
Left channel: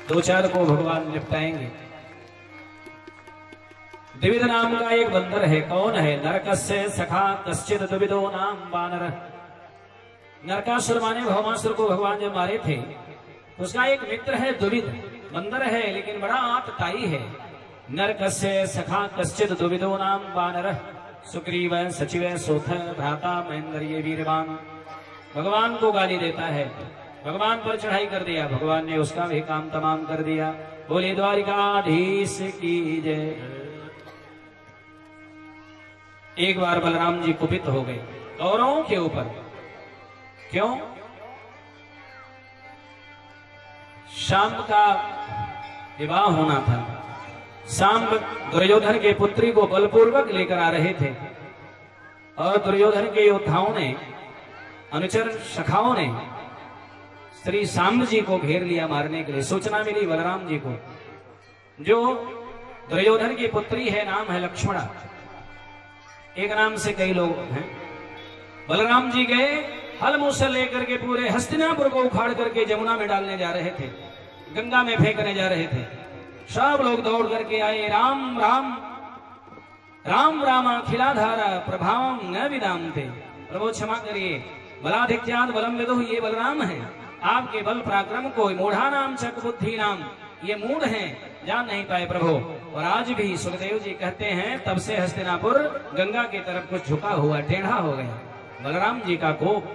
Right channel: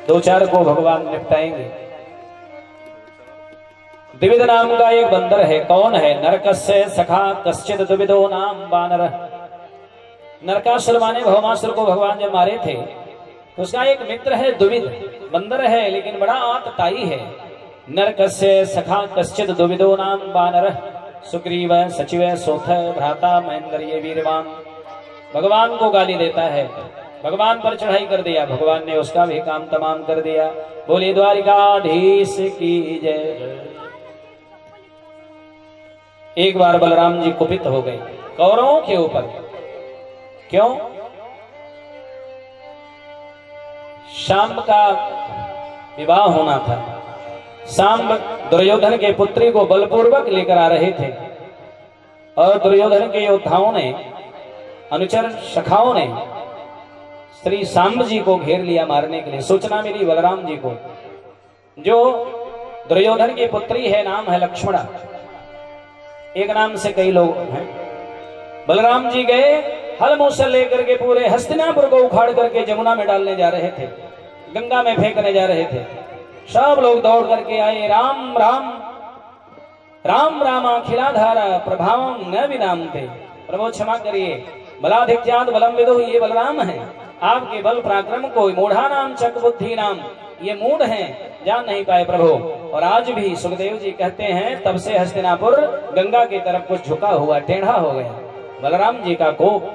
दो चार को भगवान निपटाएंगे। द्विविध नाम का एक बंदर है। कौन है? नरकस्य सखा कश्चित द्विविदो नाम वानर। नरकासुर माने भौमासुर को भगवान जब मारे थे तो उसका एक मित्र है द्विविद, बंदर है लेकिन बड़ा आतताई है। नरकस्य सखा कश्चित द्विविदो नाम वानर। सुग्रीव सचिव सोथ भ्राता महेंद्र ये वीरवान। भगवान को गाली देता है, भगवान पर चढ़ाई कर दिया, भगवान ने उसका भी काम तमाम कर दिया। बोली द्वारिकाधीश की जय। एक बार बलराम जी कुपित हो गए कौरवों के ऊपर। क्यों? शाम का विवाह होना था। शाम दुर्योधन के पुत्री को बलपूर्वक लेकर आ रहे थे और दुर्योधन के योद्धाओं ने, अनुचर सखाओं ने श्री सांब जी को घेर लिया मारने के लिए। सूचना मिली बलराम जी को। जो दुर्योधन की पुत्री है नाम है लक्ष्मणा, एक नाम से कई लोग हैं। बलराम जी गए, हल मूसल लेकर के पूरे हस्तिनापुर को उखाड़ करके जमुना में डालने जा रहे थे, गंगा में फेंकने जा रहे थे। सब लोग दौड़ करके आए। राम राम राम राम खिलाधारा प्रभावम न विनाम थे। प्रभु क्षमा करिए, बलाधिक्याद बलम विदुः, ये बलराम है। आपके बल पराक्रम को मूढ़ा नाम चक बुद्धि नाम, ये मूढ़ हैं, जान नहीं पाए प्रभु। और आज भी सुखदेव जी कहते हैं तब से हस्तिनापुर गंगा की तरफ कुछ झुका हुआ, टेढ़ा हो गया। बलराम जी का कोप।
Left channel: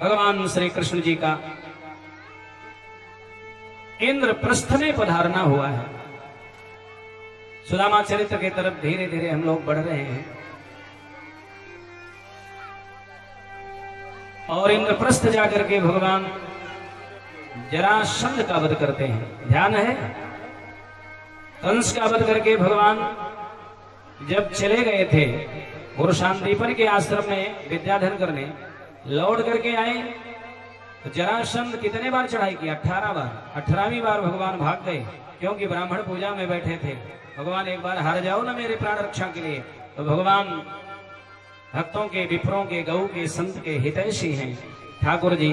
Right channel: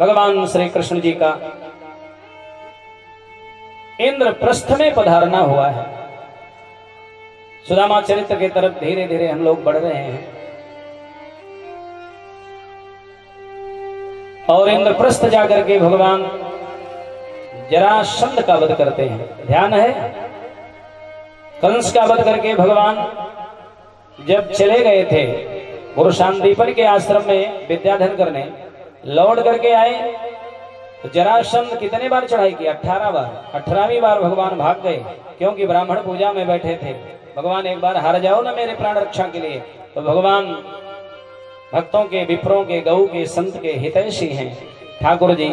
भगवान श्री कृष्ण जी का इंद्रप्रस्थ में पधारना हुआ है। सुदामा चरित्र की तरफ धीरे धीरे हम लोग बढ़ रहे हैं और इंद्रप्रस्थ जाकर के भगवान जरासंध का वध करते हैं। ध्यान है, कंस का वध करके भगवान जब चले गए थे पुरुषांदीपन के आश्रम में विद्याधन करने, लौट करके आए तो जरासंध कितने बार चढ़ाई की? 18 बार। 18वीं बार भगवान भाग गए, क्योंकि ब्राह्मण पूजा में बैठे थे। भगवान एक बार हार जाओ ना मेरे प्राण रक्षा के लिए, तो भगवान भक्तों के, विप्रों के, गौ के, संत के हितैषी हैं। ठाकुर जी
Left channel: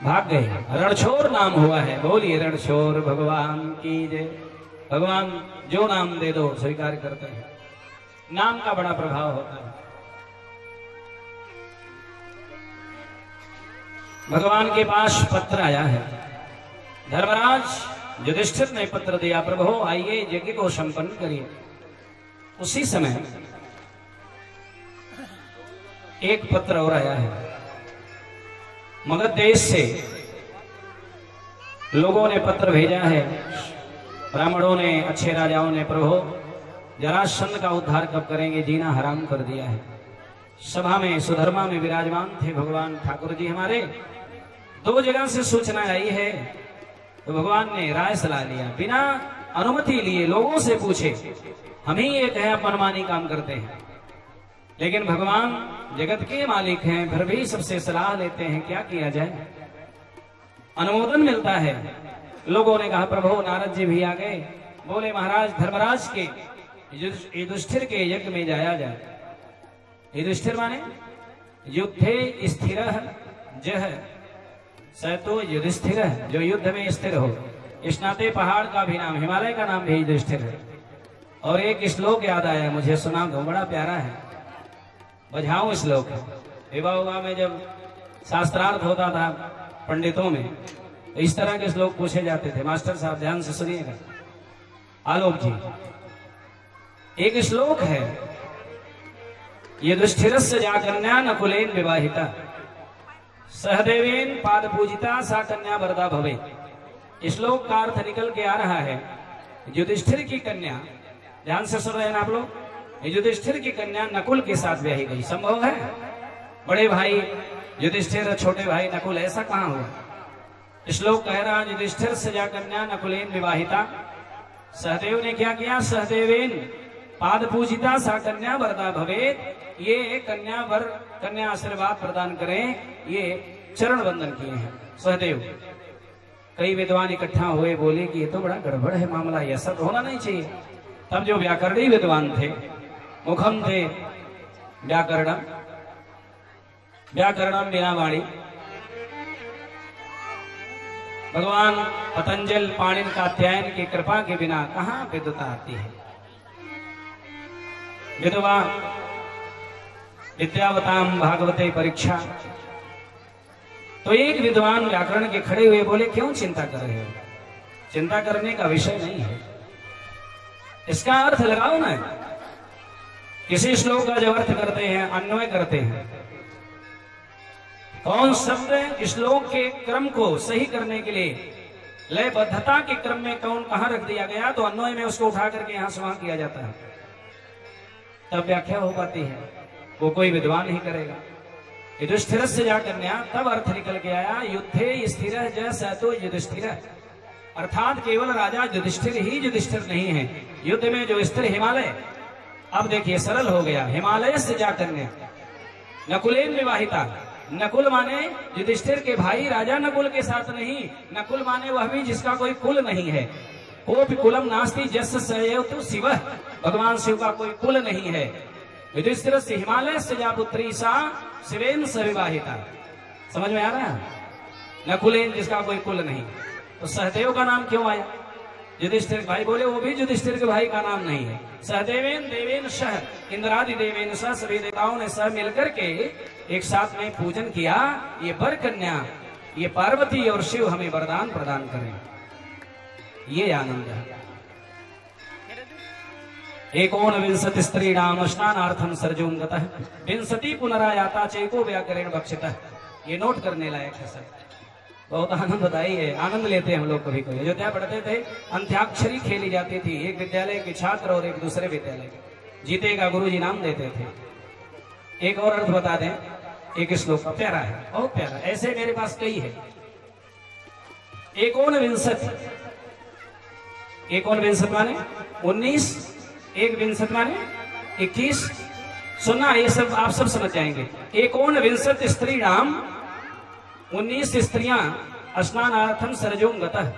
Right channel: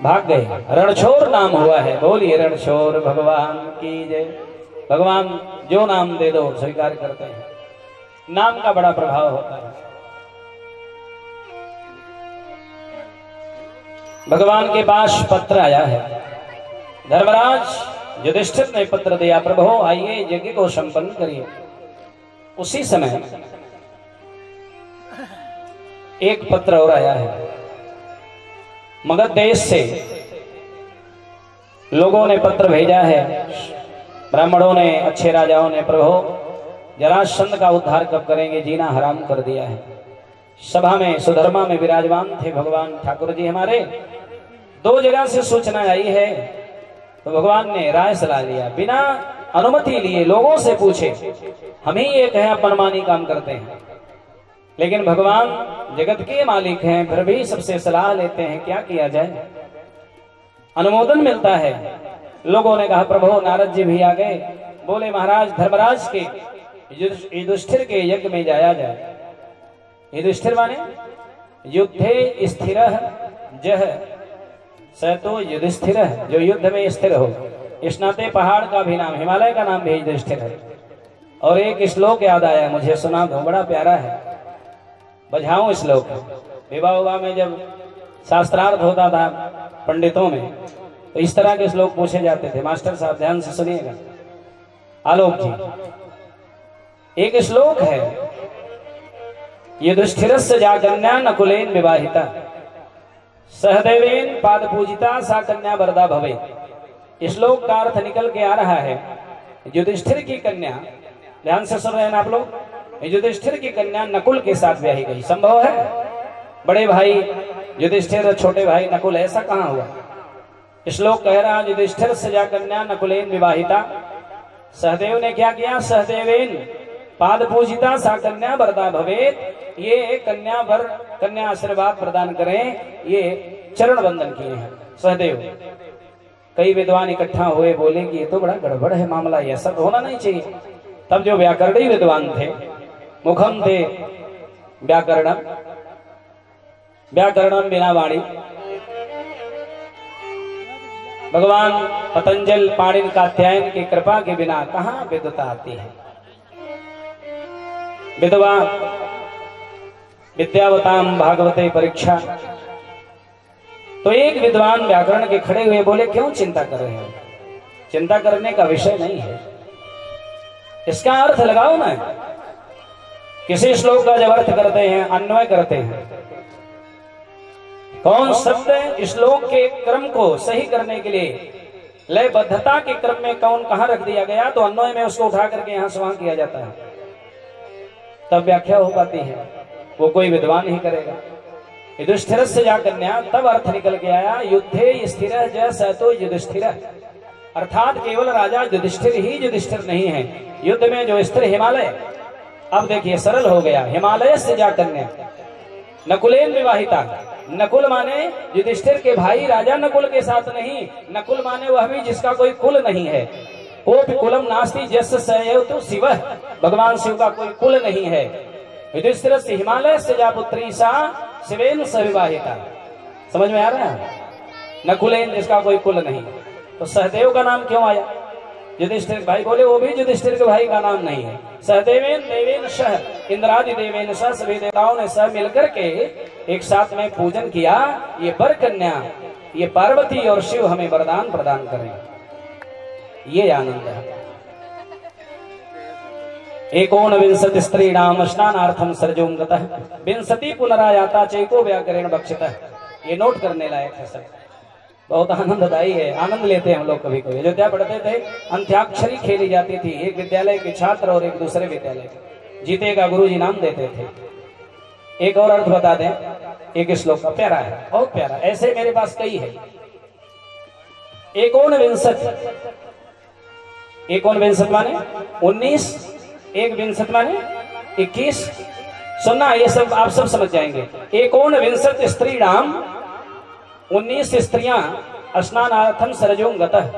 भाग गए। रणछोर नाम हुआ है। बोलिए रणछोर भगवान की जय। भगवान जो नाम दे दो स्वीकार करते हैं। नाम का बड़ा प्रभाव होता है। भगवान के पास पत्र आया है। धर्मराज युधिष्ठिर ने पत्र दिया, प्रभु आइए यज्ञ को संपन्न करिए। उसी समय एक पत्र और आया है। मगध देश से लोगों ने पत्र भेजा है। ब्राह्मणों ने, अच्छे राजाओं ने प्रभु जरासंध का उद्धार कब करेंगे, जीना हराम कर दिया है। सभा में सुधर्मा में विराजमान थे भगवान ठाकुर जी हमारे। दो जगह से सूचना आई है तो भगवान ने राय सलाह लिया, बिना अनुमति लिए लोगों से पूछे, हम ही एक है मनमानी काम करते हैं, लेकिन भगवान जगत के मालिक हैं, फिर भी सबसे सलाह लेते हैं, क्या किया जाए। अनुमोदन मिलता है। लोगों ने कहा प्रभु नारद जी भी आ गए, बोले महाराज धर्मराज के युधिष्ठिर के यज्ञ में जाया जाए। युधिष्ठिर माने युद्धे स्थिर जह सतो युधिष्ठिर, जो युद्ध में स्थिर हो। इस नाते पहाड़ का भी नाम, हिमालय का नाम भी युधिष्ठिर है। और एक श्लोक याद आया मुझे, सुना दो, बड़ा प्यारा है, बजाऊं श्लोक। विवाह विवाह में जब शास्त्रार्थ होता था पंडितों में, तो इस तरह के श्लोक पूछे जाते थे। मास्टर साहब ध्यान से सुनिएगा। आलोक जी, एक श्लोक है, युधिष्ठिरस्य जा कन्या नकुलेन विवाहिता सहदेवेन पाद पूजिता सा कन्या वरदा भवे। इस श्लोक का अर्थ निकल के आ रहा है, युधिष्ठिर की कन्या, ध्यान से सुन रहे हैं आप लोग, युधिष्ठिर की कन्या नकुल के साथ ब्याही गई। संभव है? बड़े भाई युधिष्ठिर, छोटे भाई नकुल, ऐसा कहां हुआ? श्लोक कह रहा है युधिष्ठिर से जा कन्या नकुलेन विवाहिता। सहदेव ने क्या किया? सहदेवेन पाद पूजिता सा कन्या वरदा भवेत। ये कन्या वर, कन्या आशीर्वाद प्रदान करें, ये चरण बंधन किए हैं सहदेव। कई विद्वान इकट्ठा हुए, बोले कि ये तो बड़ा गड़बड़ है मामला, ये सब होना नहीं चाहिए। तब जो व्याकरणी विद्वान थे, मुखम थे व्याकरणम, व्याकरणम बिना वाणी, भगवान पतंजल पाणिन कात्यायन की कृपा के बिना कहां विद्वता आती है। विद्वा विद्यावताम भागवते परीक्षा। तो एक विद्वान व्याकरण के खड़े हुए बोले, क्यों चिंता कर रहे हो? चिंता करने का विषय नहीं है, इसका अर्थ लगाओ ना। किसी श्लोक का जब अर्थ करते हैं, अन्वय करते हैं, कौन शब्द श्लोक के क्रम को सही करने के लिए लयबद्धता के क्रम में कौन कहां रख दिया गया, तो अन्वय में उसको उठा करके यहां से वहां किया जाता है, तब व्याख्या हो पाती है। वो कोई विद्वान ही करेगा। युधिष्ठिर से जा कन्या, तब अर्थ निकल के आया, युद्धे स्थिर जय सतो युधिष्ठिर, अर्थात केवल राजा युधिष्ठिर ही युधिष्ठिर नहीं है, युद्ध में जो स्थिर हिमालय। अब देखिए सरल हो गया, हिमालय से जा कन्या नकुलेन विवाहिता। नकुल माने युधिष्ठिर के भाई राजा नकुल के साथ नहीं, नकुल माने वह भी जिसका कोई कुल नहीं है। कोपि कुलम नास्ति जस्य सएव तु शिवः, भगवान शिव का कोई कुल नहीं है। युधिष्ठिर से हिमालय से जा पुत्री सा शिवेन स विवाहिता। समझ में आ रहा है? नकुलेन जिसका कोई कुल नहीं। तो सहदेव का नाम क्यों आया? युधिष्ठिर भाई बोले, वो भी युधिष्ठिर के भाई का नाम नहीं है। सहदेवेन देवेन सह इंद्रादि देवेन सह, सभी देवताओं ने सब मिलकर के एक साथ में पूजन किया। ये वर कन्या, ये पार्वती और शिव हमें वरदान प्रदान करें, ये आनंद है। एकोन विंशति स्त्रीणाम स्नानार्थम सर्जों गतः विंशति पुनरायाता चेको व्याकरण बक्षितः। ये नोट करने लायक है सर, बहुत आनंददायी है। आनंद लेते हैं हम लोग कभी कभी। अयोध्या पढ़ते थे, अंत्याक्षरी खेली जाती थी, एक विद्यालय के छात्र और एक दूसरे विद्यालय के, जीतेगा गुरुजी नाम देते थे। एक और अर्थ बता दें, एक श्लोक का प्यारा है, बहुत प्यारा, ऐसे मेरे पास कई है। एकोन विंशति, एकोन विंशति माने 19, एक विंशति माने 21। सुनना, ये सब आप सब समझ जाएंगे। एकोन विंशति स्त्री नाम, 19 स्त्रियां स्नानार्थम सरजू गतः।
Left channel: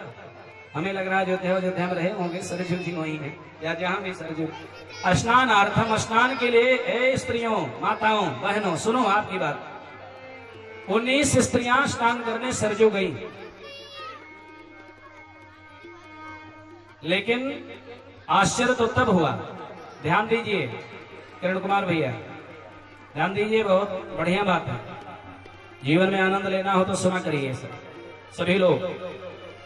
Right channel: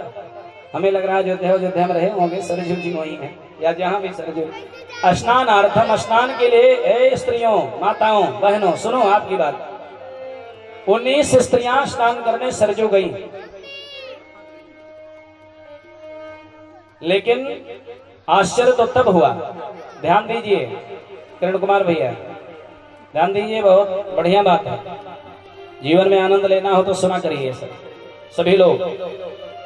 हमें लग रहा है अयोध्या में रहे होंगे, सरजू जी वही है, या जहां भी सरजू। स्नानार्थम, स्नान के लिए, ए स्त्रियों, माताओं, बहनों, सुनो आपकी बात। 19 स्त्रियां स्नान करने सरजू गई, लेकिन आश्चर्य तो तब हुआ। ध्यान दीजिए किरण कुमार भैया, ध्यान दीजिए, बहुत बढ़िया बात है। जीवन में आनंद लेना हो तो सुना करिए सभी लोग।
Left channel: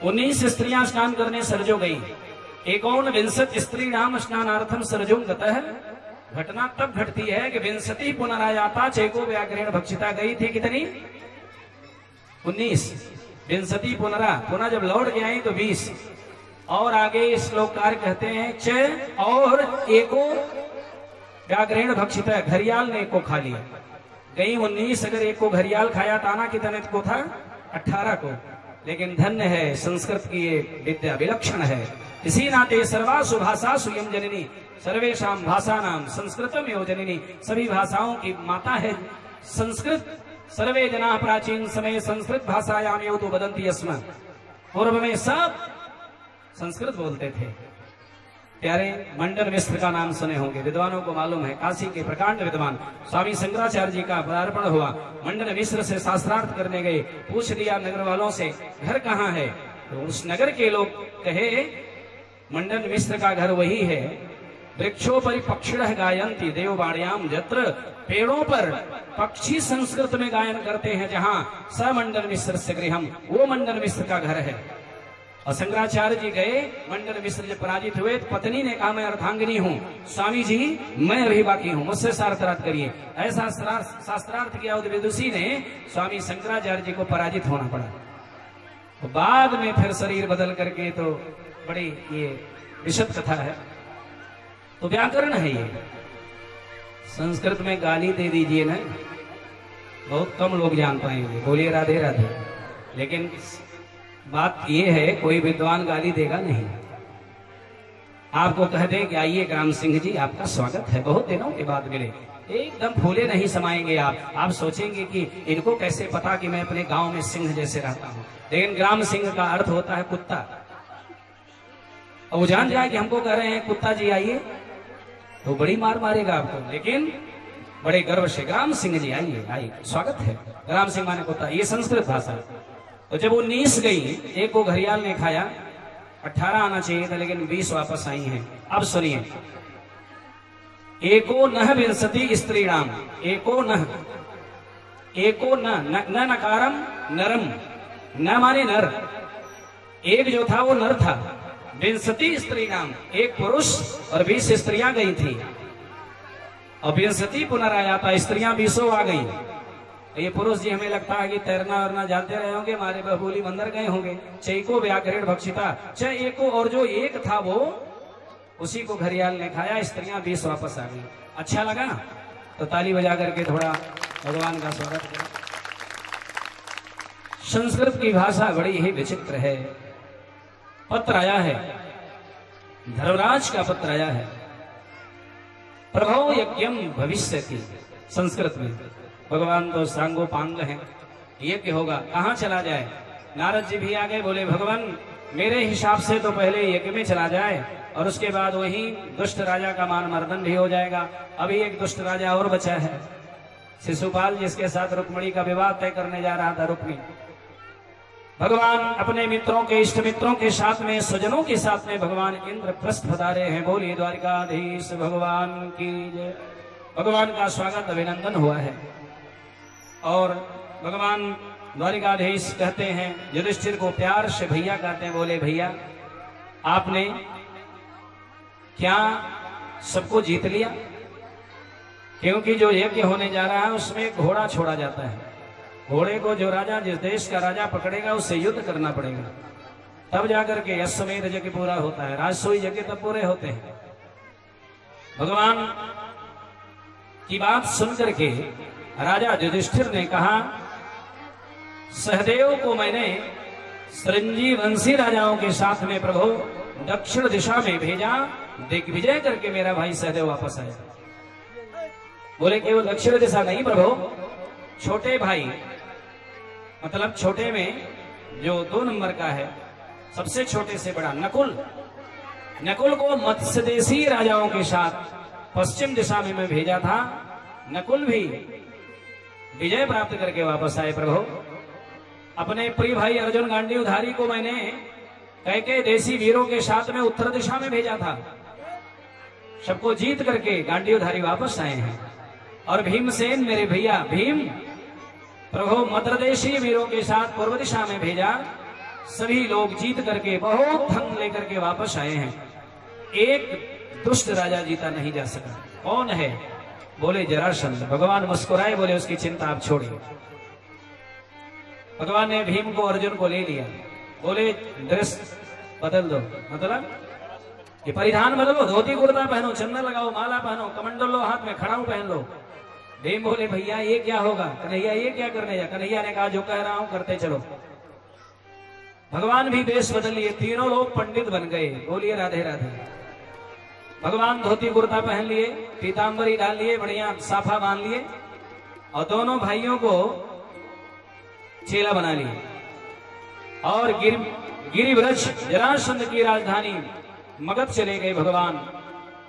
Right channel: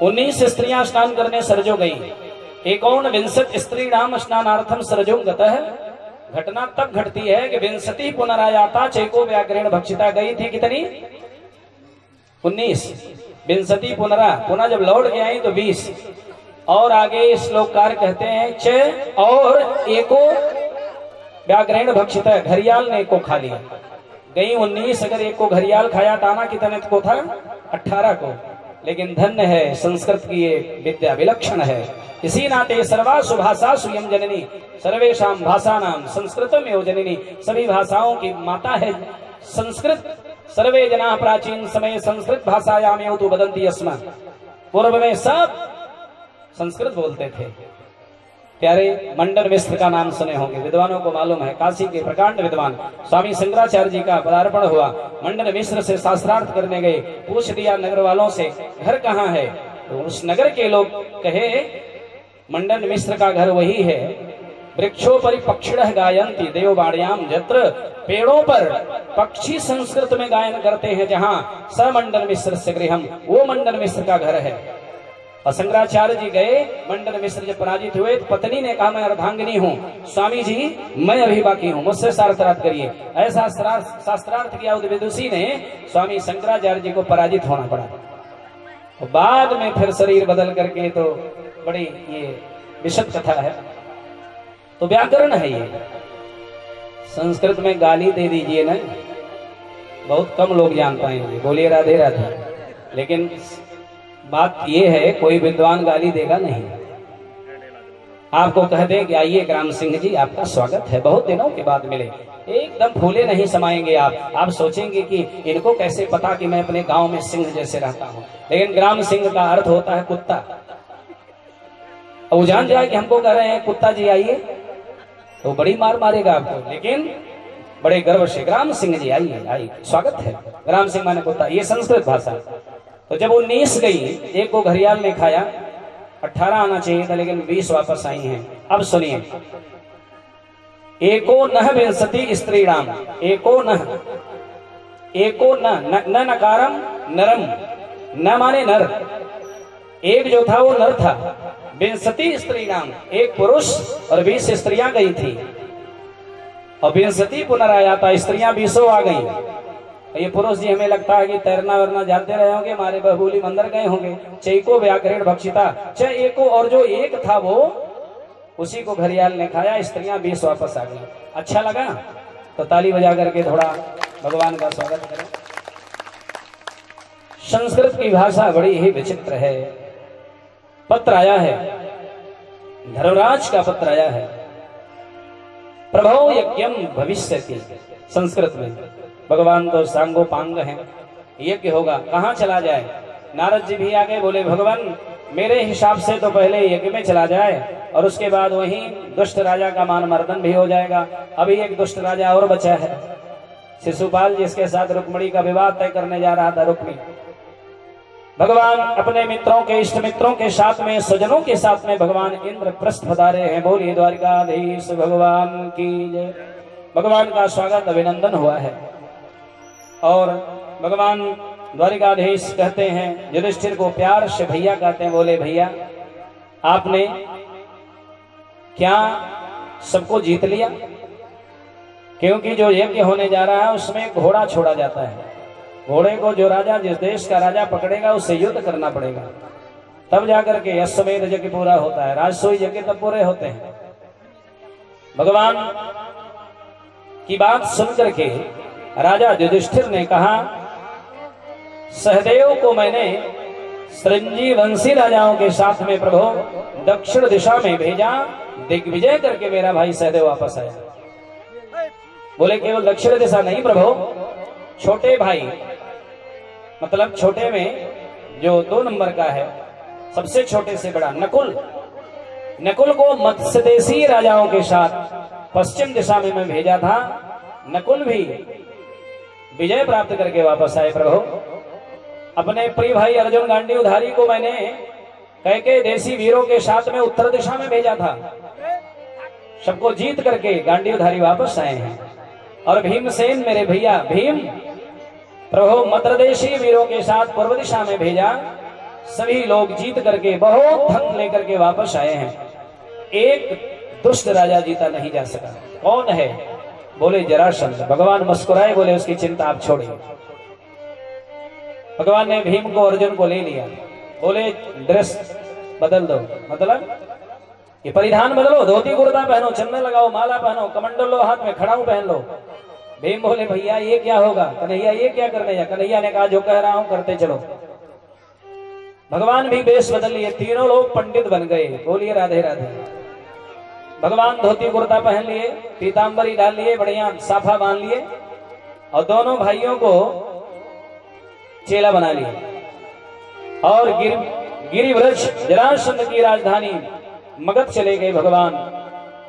19 स्त्रियां स्नान करने सरजू गई। एकोन विंशति स्त्री नाम स्नानार्थम सरजू गतः। घटना तब घटती है कि विंशति पुनरायाता चेको व्याकरण भक्षिता। गई थी कितनी? 19। विंशति पुनरा, पुनः जब लौट के आई तो 20, और आगे श्लोककार कहते हैं च और एको व्याघ्रेण भक्षित, घरियाल ने एको खा लिया। गई 19, अगर एको घरियाल खाया टाना कितने को था? 18 को। लेकिन धन्य है संस्कृत की ये विद्या, विलक्षण है। इसी नाते सर्वासु भाषासु यं जननी सर्वेषां भाषानां संस्कृतम एव जननी, सभी भाषाओं की माता है संस्कृत। सर्वे जना प्राचीन समय संस्कृत भाषायाम एव तु वदन्ति स्म, पूर्व में सब संस्कृत बोलते थे। प्यारे मंडन मिश्र का नाम सुने होंगे, विद्वानों को मालूम है, काशी के प्रकांड विद्वान। स्वामी शंकराचार्य जी का पदार्पण हुआ, मंडन मिश्र से शास्त्रार्थ करने गए। पूछ दिया नगर वालों से घर कहाँ है, तो उस नगर के लोग कहे मंडन मिश्र का घर वही है। वृक्षोपरि पक्षिणः गायन्ति देववाण्याम यत्र, पेड़ों पर पक्षी संस्कृत में गायन करते हैं जहां, स मंडन मिश्र से गृहम, वो मंडन मिश्र का घर है। और शंकराचार्य जी गए, मंडन मिश्र जब पराजित हुए तो पत्नी ने कहा मैं अर्धांगिनी हूँ, स्वामी जी मैं अभी बाकी हूँ, मुझसे शास्त्रार्थ करिए। ऐसा शास्त्रार्थ किया उस विदुषी ने, स्वामी शंकराचार्य जी को पराजित होना पड़ा। तो बाद में फिर शरीर बदल करके, तो बड़ी ये विशद कथा है। तो व्याकरण है ये। संस्कृत में गाली दे दीजिए ना, बहुत कम लोग जान पाएंगे, बोलिए राधे राधे। लेकिन बात ये है, कोई विद्वान गाली देगा नहीं। आपको कह दे कि आइए ग्राम सिंह जी आपका स्वागत है, बहुत दिनों के बाद मिले, एकदम फूले नहीं समाएंगे आप सोचेंगे कि इनको कैसे पता कि मैं अपने गांव में सिंह जैसे रहता हूं। लेकिन ग्राम सिंह का अर्थ होता है कुत्ता। और जान जाए कि हमको कह रहे हैं कुत्ता जी आइए, तो बड़ी मार मारेगा आपको। लेकिन बड़े गर्व से ग्राम सिंह जी आइए आइए, स्वागत है। ग्राम सिंह माने कुत्ता, ये संस्कृत भाषा। तो जब वो 19 गई, एक को घरियाल ने खाया, 18 आना चाहिए था लेकिन 20 वापस आई हैं। अब सुनिए, एको नह विंशति स्त्रीणाम, एको नह, एको न नकारम नरम, न माने नर, एक जो था वो नर था। विंशति स्त्रीणाम, एक पुरुष और 20 स्त्रियां गई थी। और विंशति पुनराया था, स्त्रियां 20 आ गई। ये पुरुष जी हमें लगता है कि तैरना वरना जाते रहे होंगे, हमारे बबूली मंदिर गए होंगे। चैको व्याघ्रेण भक्षिता, च एको, और जो एक था वो उसी को घरियाल ने खाया, स्त्रियां 20 वापस आ गई। अच्छा लगा तो ताली बजा करके थोड़ा भगवान का स्वागत करें। संस्कृत की भाषा बड़ी ही विचित्र है। पत्र आया है, धर्मराज का पत्र आया है, प्रभो यज्ञम भविष्यति। संस्कृत में भगवान तो सांगोपांग हैं, यज्ञ होगा, कहाँ चला जाए? नारद जी भी आगे बोले भगवान मेरे हिसाब से तो पहले यज्ञ में चला जाए और उसके बाद वहीं दुष्ट राजा का मान मर्दन भी हो जाएगा। अभी एक दुष्ट राजा और बचा है, शिशुपाल, जिसके साथ रुक्मिणी का विवाह तय करने जा रहा था। रुक्मिणी भगवान अपने मित्रों के, इष्ट मित्रों के साथ में, स्वजनों के साथ में भगवान इंद्रप्रस्थ पधारे हैं। बोलिए द्वारिकाधीश भगवान की जय। भगवान का स्वागत अभिनंदन हुआ है। और भगवान द्वारिकाधीश कहते हैं, युधिष्ठिर को प्यार से भैया कहते हैं। बोले भैया आपने क्या सबको जीत लिया? क्योंकि जो यज्ञ होने जा रहा है उसमें घोड़ा छोड़ा जाता है। घोड़े को जो राजा, जिस देश का राजा पकड़ेगा उससे युद्ध करना पड़ेगा, तब जाकर के अश्वमेध यज्ञ पूरा होता है। राजसूय यज्ञ तब पूरे होते हैं। भगवान की बात सुनकर के राजा युधिष्ठिर ने कहा, सहदेव को मैंने संजीवंशी राजाओं के साथ में प्रभु दक्षिण दिशा में भेजा, दिग्विजय करके मेरा भाई सहदेव वापस आया। बोले केवल दक्षिण दिशा नहीं प्रभु, छोटे भाई, मतलब छोटे में जो 2 नंबर का है, सबसे छोटे से बड़ा नकुल, नकुल को मत्स्यदेशी राजाओं के साथ पश्चिम दिशा में मैं भेजा था। नकुल भी विजय प्राप्त करके वापस आए प्रभु। अपने प्रिय भाई अर्जुन गांडीवधारी को मैंने कैके देसी वीरों के साथ में उत्तर दिशा में भेजा था, सबको जीत करके गांडीवधारी वापस आए हैं। और भीमसेन मेरे भैया भीम प्रभु मद्रदेशी वीरों के साथ पूर्व दिशा में भेजा, सभी लोग जीत करके बहुत धन लेकर के वापस आए हैं। एक दुष्ट राजा जीता नहीं जा सका। कौन है? बोले जरासंध। भगवान मुस्कुराए, बोले उसकी चिंता आप छोड़िए। भगवान ने भीम को, अर्जुन को ले लिया। बोले बदल दो। मतलब ये परिधान बदलो, धोती कुर्ता पहनो, चंदन लगाओ, माला पहनो, कमंडलो हाथ में, खड़ाऊ पहन लो। भीम बोले भैया ये क्या होगा? कन्हैया ये क्या करने जा? कन्हैया ने कहा जो कह रहा हूं करते चलो। भगवान भी वेश बदल लिए, तीनों लोग पंडित बन गए। बोलिए राधे राधे। भगवान धोती कुर्ता पहन लिए, पीताम्बरी डाल लिए, बढ़िया साफा बांध लिए और दोनों भाइयों को चेला बना लिए और गिरिव्रज जरासंध की राजधानी मगध चले गए। भगवान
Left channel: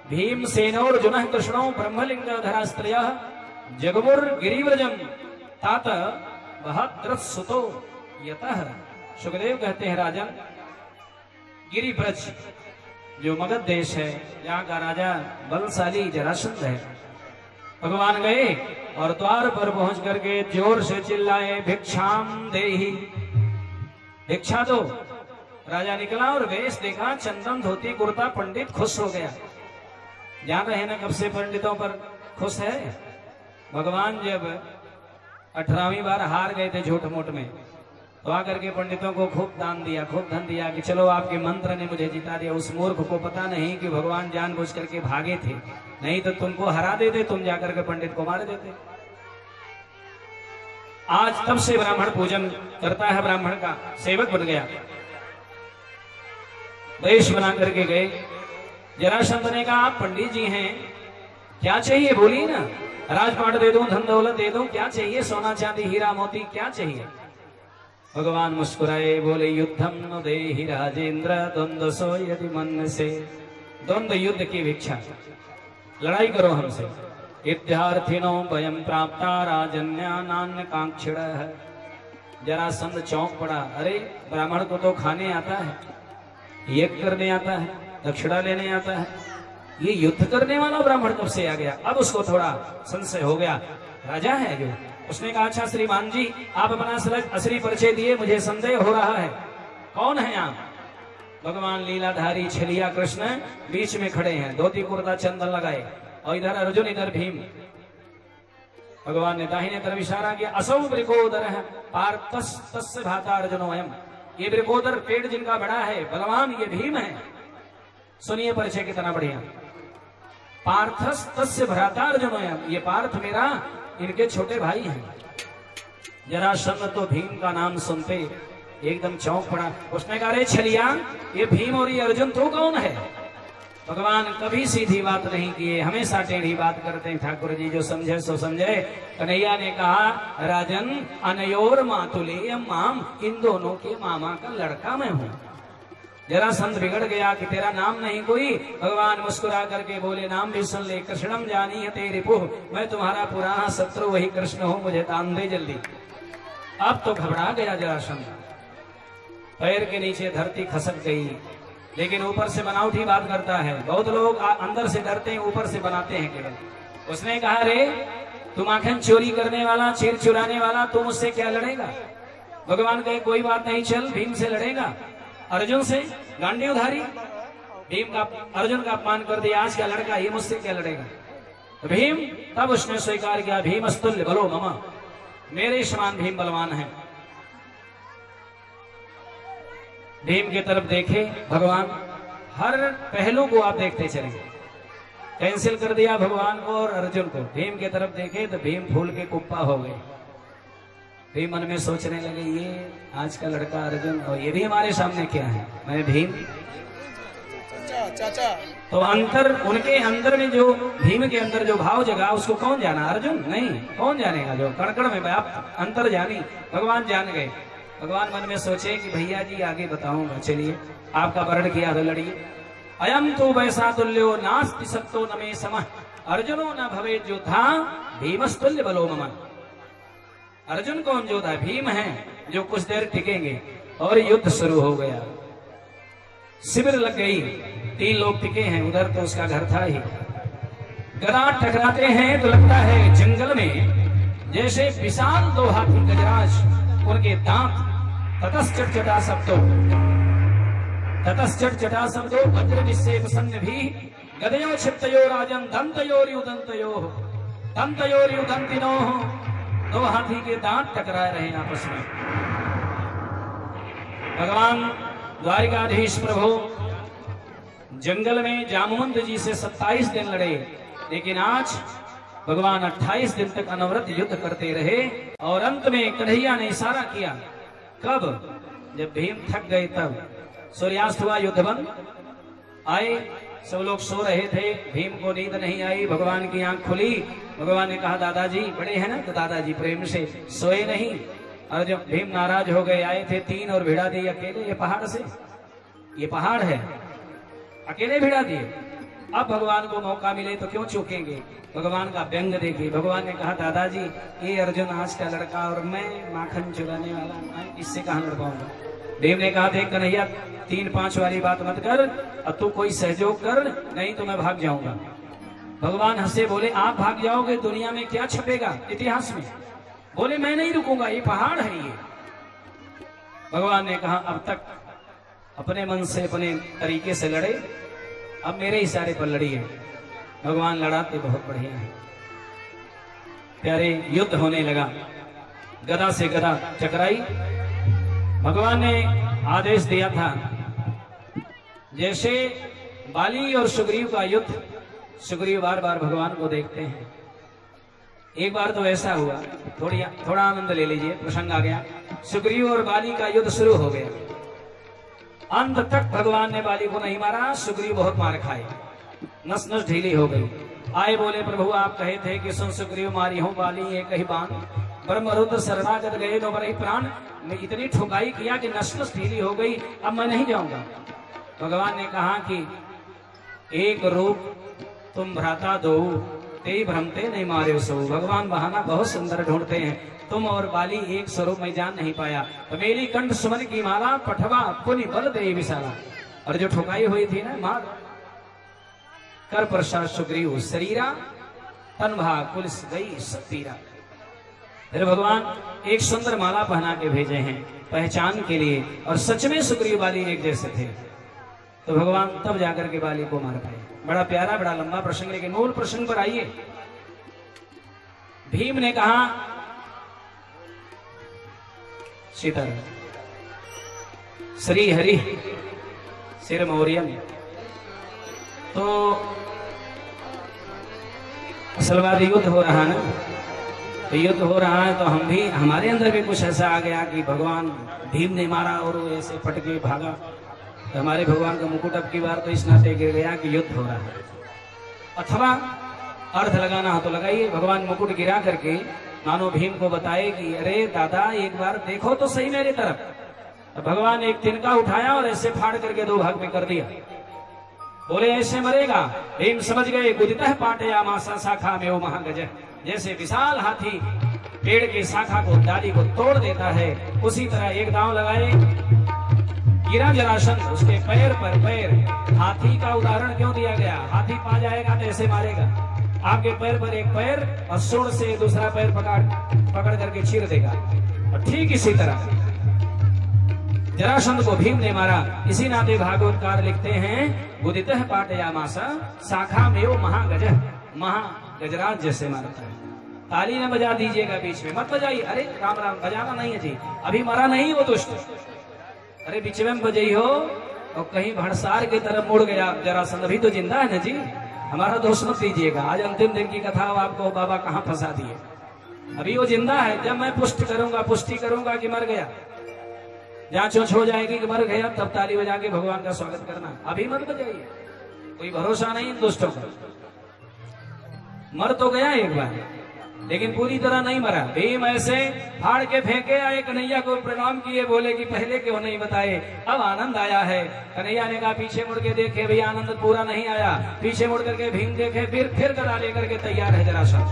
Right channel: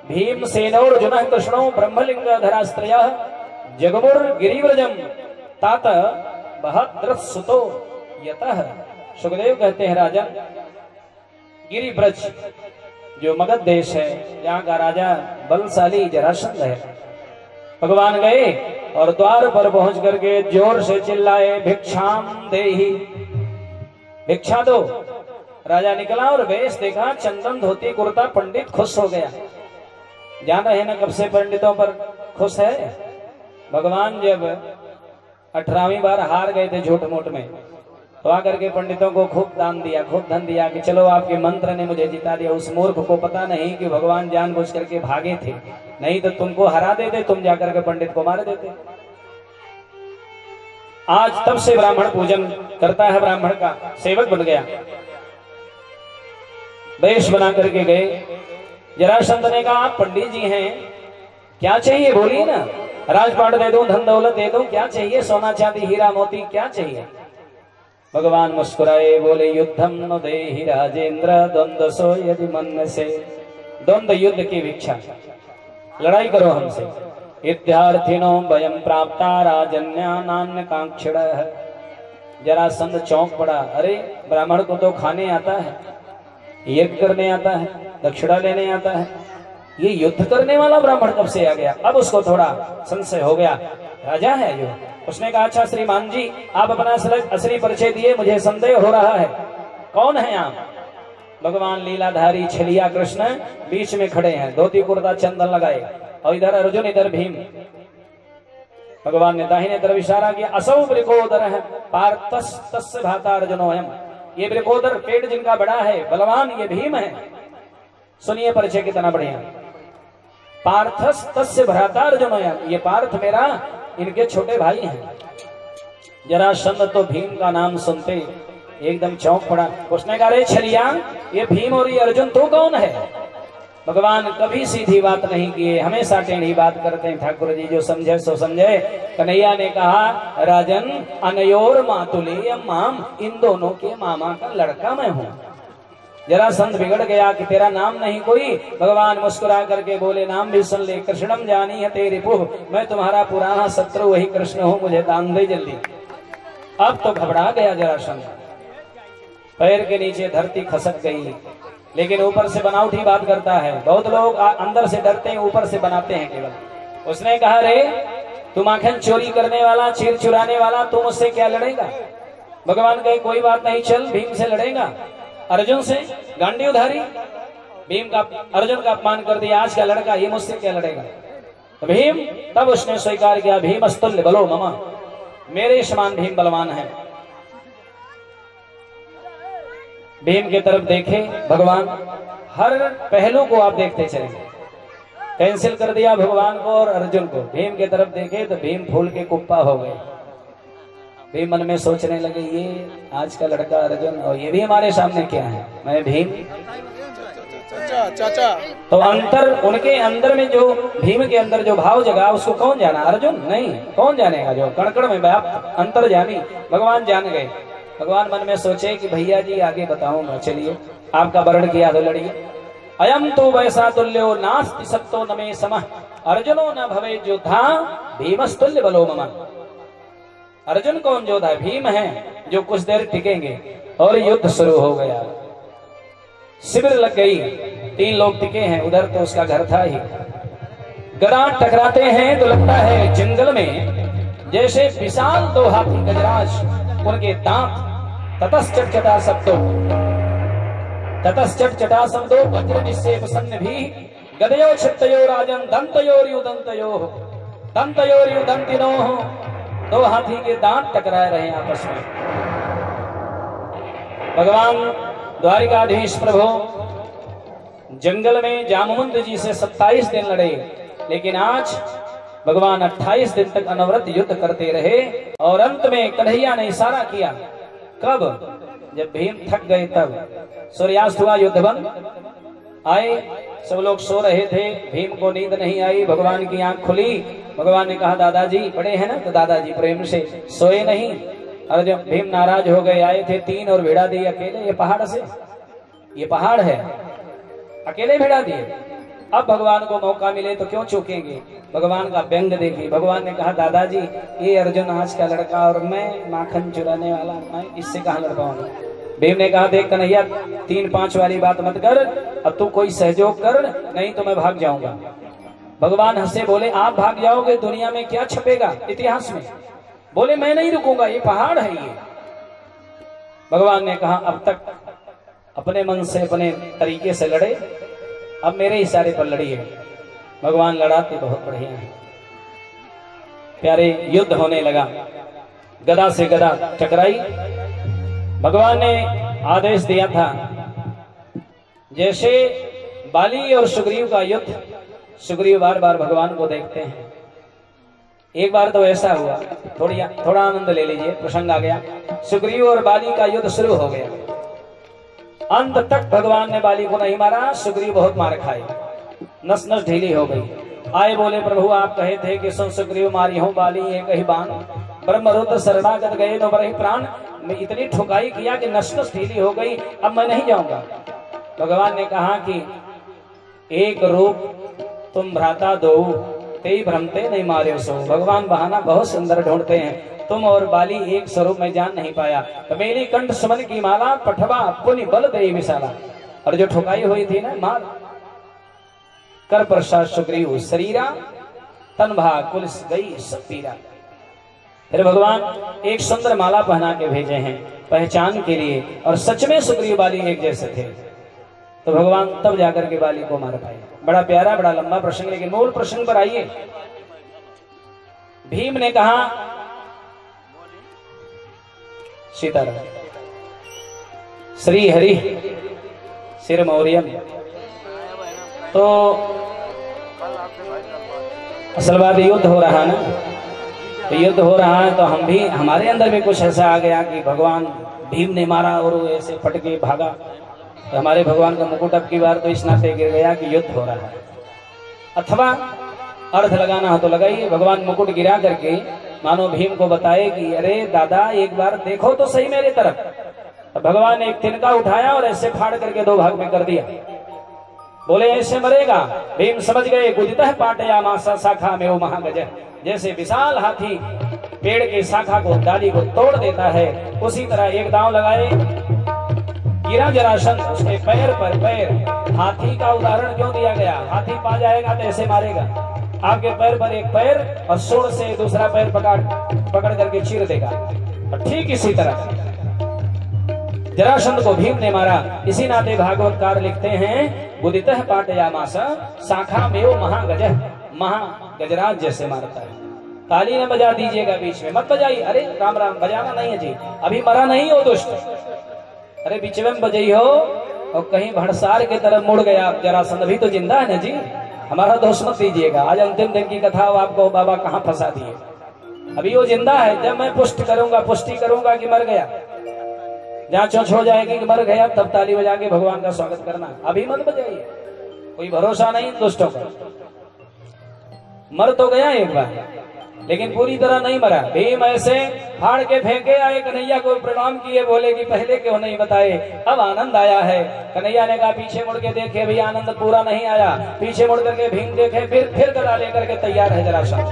भीमसेनोर्जुनः कृष्णो ब्रह्मलिंग धरास्त्रयः जगमुर गिरिव्रजम तात बहद्रसुतो यतः। सुखदेव कहते हैं राजन, गिरिव्रज जो मगध देश है, यहाँ का राजा बलशाली जरासंध है। भगवान गए और द्वार पर पहुंच करके जोर से चिल्लाए भिक्षाम देहि, भिक्षा दो। राजा निकला और वेश देखा, चंदन धोती कुर्ता, पंडित खुश हो गया। जान रहे ना कब से पंडितों पर खुश है। भगवान जब 18वीं बार हार गए थे झूठ मूठ में, तो आकर के पंडितों को खूब दान दिया, खूब धन दिया कि चलो आपके मंत्र ने मुझे जिता दिया। उस मूर्ख को पता नहीं कि भगवान जानबूझ करके भागे थे, नहीं तो तुमको हरा देते, तुम जाकर के पंडित को मार देते। आज तब से ब्राह्मण पूजन करता है, ब्राह्मण का सेवक बन गया। वेश बना करके गए। जरासंध ने कहा आप पंडित जी हैं, क्या चाहिए बोलिए ना, राजपाट दे दूं, धन दौलत दे दूं, क्या चाहिए, सोना चांदी हीरा मोती क्या चाहिए? भगवान मुस्कुराए, बोले युद्धम न देहि राजेंद्र द्वंद्व सो यदि मन से। द्वंद्व युद्ध की भिक्षा, लड़ाई करो हमसे। विद्यार्थिनो वयम प्राप्ता राजन्यानान्य कांक्षिणः। जरासंध चौंक पड़ा, अरे ब्राह्मण को तो खाने आता है, यज्ञ करने आता है, दक्षिणा लेने आता है, ये युद्ध करने वाला ब्राह्मण कब से आ गया? अब उसको थोड़ा संशय हो गया, राजा है जो। उसने कहा अच्छा श्रीमान जी, आप अपना असली परिचय दिए, मुझे संदेह हो रहा है, कौन है आप? भगवान लीलाधारी छलिया कृष्ण बीच में खड़े हैं, धोती कुर्ता चंदन लगाए, और इधर अर्जुन इधर भीम। भगवान ने दाहिने तरफ इशारा किया, असौ वृकोदर है पार्थस तस्य भाता अर्जुनोयम। ये वृकोदर पेड़ जिनका बड़ा है, बलवान, ये भीम है। सुनिए परिचय कितना बढ़िया। पार्थस तस्य भ्राता अर्जुनोयम, ये पार्थ मेरा, इनके छोटे भाई हैं। जरासंध तो भीम का नाम सुनते एकदम चौंक पड़ा। उसने कहा रे छलिया, ये भीम और ये अर्जुन तू कौन है? भगवान कभी सीधी बात नहीं किए, हमेशा टेढ़ी बात करते हैं। ठाकुर जी जो समझे सो समझे। कन्हैया ने कहा राजन अनयोर मातुलेयम माम, इन दोनों के मामा का लड़का मैं हूँ। जरासंध बिगड़ गया कि तेरा नाम नहीं कोई। भगवान मुस्कुरा करके बोले नाम भी सुन ले, कृष्णम जानी है तेरे पुह, मैं तुम्हारा पुराना शत्रु वही कृष्ण हूँ, मुझे दान दे जल्दी। अब तो घबरा गया जरासंध, पैर के नीचे धरती खसक गई। लेकिन ऊपर से बनावटी बात करता है। बहुत लोग अंदर से डरते हैं, ऊपर से बनाते हैं केवल। उसने कहा रे तुम आंखें चोरी करने वाला, चीर चुराने वाला, तुम उससे क्या लड़ेगा? भगवान कहे कोई बात नहीं, चल भीम से लड़ेगा। अर्जुन से गांडी उधारी, भीम का अर्जुन का अपमान कर दिया, आज का लड़का ये मुझसे क्या लड़ेगा? तो भीम तब उसने स्वीकार किया, भीम अस्तुल्य बलो मम, मेरे समान भीम बलवान है। भीम की तरफ देखे भगवान, हर पहलू को आप देखते चलेंगे। कैंसिल कर दिया भगवान को और अर्जुन को। भीम की तरफ देखे तो भीम फूल के कुप्पा हो गए। भीम मन में सोचने लगे ये आज का लड़का अर्जुन, और ये भी हमारे सामने क्या है, मैं भीम। चाचा तो अंतर उनके अंदर में जो भीम के अंदर जो भाव जगा उसको कौन जाना? अर्जुन नहीं, कौन जानेगा? जो कणकण में व्याप्त अंतर जानी भगवान जान गए। भगवान मन में सोचे कि भैया जी आगे बताऊंगा, चलिए आपका वर्ण किया तो लड़िए। अयम तो वैसा तुल्यो नास्ति सत्तो न मे समः, अर्जुनो न भवे योद्धा भीमस्तुल्य बलो मम। अर्जुन कौन योद्धा? भीम है जो कुछ देर टिकेंगे। और युद्ध शुरू हो गया, शिविर लग गई, 3 लोग टिके हैं, उधर तो उसका घर था ही। गदा टकराते हैं तो लगता है जंगल में जैसे विशाल 2 हाथी गजराज, उनके दांत ततश्चटा शब्दों, ततश्चटा शब्दों वज्र निश्चेप सन्न भी गदयो क्षिप्तयो राजन दंतयोर्युदंतयो दंतयोर्युदंतिनो। 2 हाथी के दांत टकरा रहे हैं आपस में। भगवान द्वारिकाधीश प्रभु जंगल में जामवंत जी से 27 दिन लड़े, लेकिन आज भगवान 28 दिन तक अनवरत युद्ध करते रहे और अंत में कन्हैया ने इशारा किया। कब? जब भीम थक गए तब सूर्यास्त हुआ, युद्ध बंद। आए, सब लोग सो रहे थे, भीम को नींद नहीं आई, भगवान की आंख खुली। भगवान ने कहा दादाजी बड़े हैं ना, तो दादाजी प्रेम से सोए नहीं। और जब भीम नाराज हो गए, आए थे 3 और भिड़ा दिए अकेले, ये पहाड़ से, ये पहाड़ है, अकेले भिड़ा दिए। अब भगवान को मौका मिले तो क्यों चूकेंगे। भगवान का व्यंग देखिए। भगवान ने कहा दादाजी ये अर्जुन आज का लड़का और मैं माखन चुराने वाला, मैं इससे कहाँ लड़ पाऊंगा। भीम ने कहा देख कन्हैया 3-5 वाली बात मत कर, अब तू कोई सहयोग कर, नहीं तो मैं भाग जाऊंगा। भगवान हंसे, बोले आप भाग जाओगे, दुनिया में क्या छपेगा इतिहास में। बोले मैं नहीं रुकूंगा, ये पहाड़ है ये। भगवान ने कहा अब तक अपने मन से अपने तरीके से लड़े, अब मेरे इशारे पर लड़िए। भगवान लड़ाते बहुत बढ़िया है। प्यारे युद्ध होने लगा, गदा से गदा टकराई। भगवान ने आदेश दिया था, जैसे बाली और सुग्रीव का युद्ध, सुग्रीव बार बार भगवान को देखते हैं। एक बार तो ऐसा हुआ, थोड़ा आनंद ले लीजिए, प्रसंग आ गया। सुग्रीव और बाली का युद्ध शुरू हो गया, अंत तक भगवान ने बाली को नहीं मारा, सुग्रीव बहुत मार खाए, नस नस ढीली हो गई। आए बोले प्रभु आप कहे थे कि सुन सुग्रीव मारी हूं बाली एक ही बाण, ब्रह्मरुद्र शरणागत गए तो बड़े प्राण, मैं इतनी ठुकाई किया कि नस नस ढीली हो गई, अब मैं नहीं जाऊंगा। भगवान ने कहा कि एक रूप तुम भ्राता दो, तेई भ्रमते नहीं मारे सो। भगवान बहाना बहुत सुंदर ढूंढते हैं, तुम और बाली एक स्वरूप में जान नहीं पाया, तो मेरी कंठ सुमन की माला, पठवा पुनि बल दे विशाला। और जो ठुकाई हुई थी ना मार, कर प्रसाद सुग्रीव शरीरा, तन भाग पुलिस गई सब पीरा। फिर भगवान एक सुंदर माला पहना के भेजे हैं पहचान के लिए, और सच में सुग्रीव बाली एक जैसे थे। तो भगवान तब जाकर के बाली को मार पाए। बड़ा प्यारा बड़ा लंबा प्रसंग, लेकिन मूल प्रसंग पर आइए। भीम ने कहा सीताराम श्री हरि सिर मौर्यम। तो असल बात युद्ध हो रहा है ना, तो युद्ध हो रहा है तो हम भी, हमारे अंदर भी कुछ ऐसा आ गया कि भगवान भीम ने मारा और ऐसे पटके भागा, तो हमारे भगवान का मुकुट अब की बार तो इस नाते गिर गया कि युद्ध हो रहा है। अथवा अर्थ लगाना हो तो लगाइए, भगवान मुकुट गिरा करके मानो भीम को बताए कि अरे दादा एक बार देखो तो सही मेरी तरफ। तो भगवान ने एक तिनका उठाया और ऐसे फाड़ करके 2 भाग में कर दिया। बोले ऐसे मरेगा। भीम समझ गए, गुदितः पाटया मासा शाखा में वो महागज, जैसे विशाल हाथी पेड़ की शाखा को, डाली को तोड़ देता है, उसी तरह एक दांव लगाए, गिरा जरासंध, उसके पैर पर पैर। हाथी का उदाहरण क्यों दिया गया, हाथी पा जाएगा तो ऐसे मारेगा, आपके पैर पर एक पैर और सूंड से दूसरा पैर पकड़ करके चीर देगा। और ठीक इसी तरह जरासंध को भीम ने मारा। इसी नाते भागवतकार लिखते हैं, गुदितः पाटयामासा शाखा में महागज, महागजराज जैसे मारता है। ताली न बजा दीजिएगा बीच में, मत बजाइए, अरे राम राम बजाना नहीं है जी, अभी मरा नहीं हो दुष्ट, अरे बीच में बजाई हो और कहीं भड़सार की तरफ मुड़ गया जरासंध, अभी तो जिंदा है ना जी, हमारा दोष मत दीजिएगा। आज अंतिम दिन की कथा आपको बाबा कहाँ फंसा दिए, अभी वो जिंदा है। जब मैं पुष्टि करूंगा कि मर गया, जहाँ चोच हो जाएगी कि मर गया, तब ताली बजा के भगवान का स्वागत करना, अभी मत बजाइए, कोई भरोसा नहीं दुष्टों का। मर तो गया एक बार, लेकिन पूरी तरह नहीं मरा। भीम ऐसे फाड़ के फेंके, आए कन्हैया को प्रणाम किए, बोले कि पहले क्यों नहीं बताए, अब आनंद आया है। कन्हैया ने कहा पीछे मुड़ के देखे, भी आनंद पूरा नहीं आया। पीछे मुड़ करके भीम देखे, फिर गदा लेकर के तैयार है जरासंध।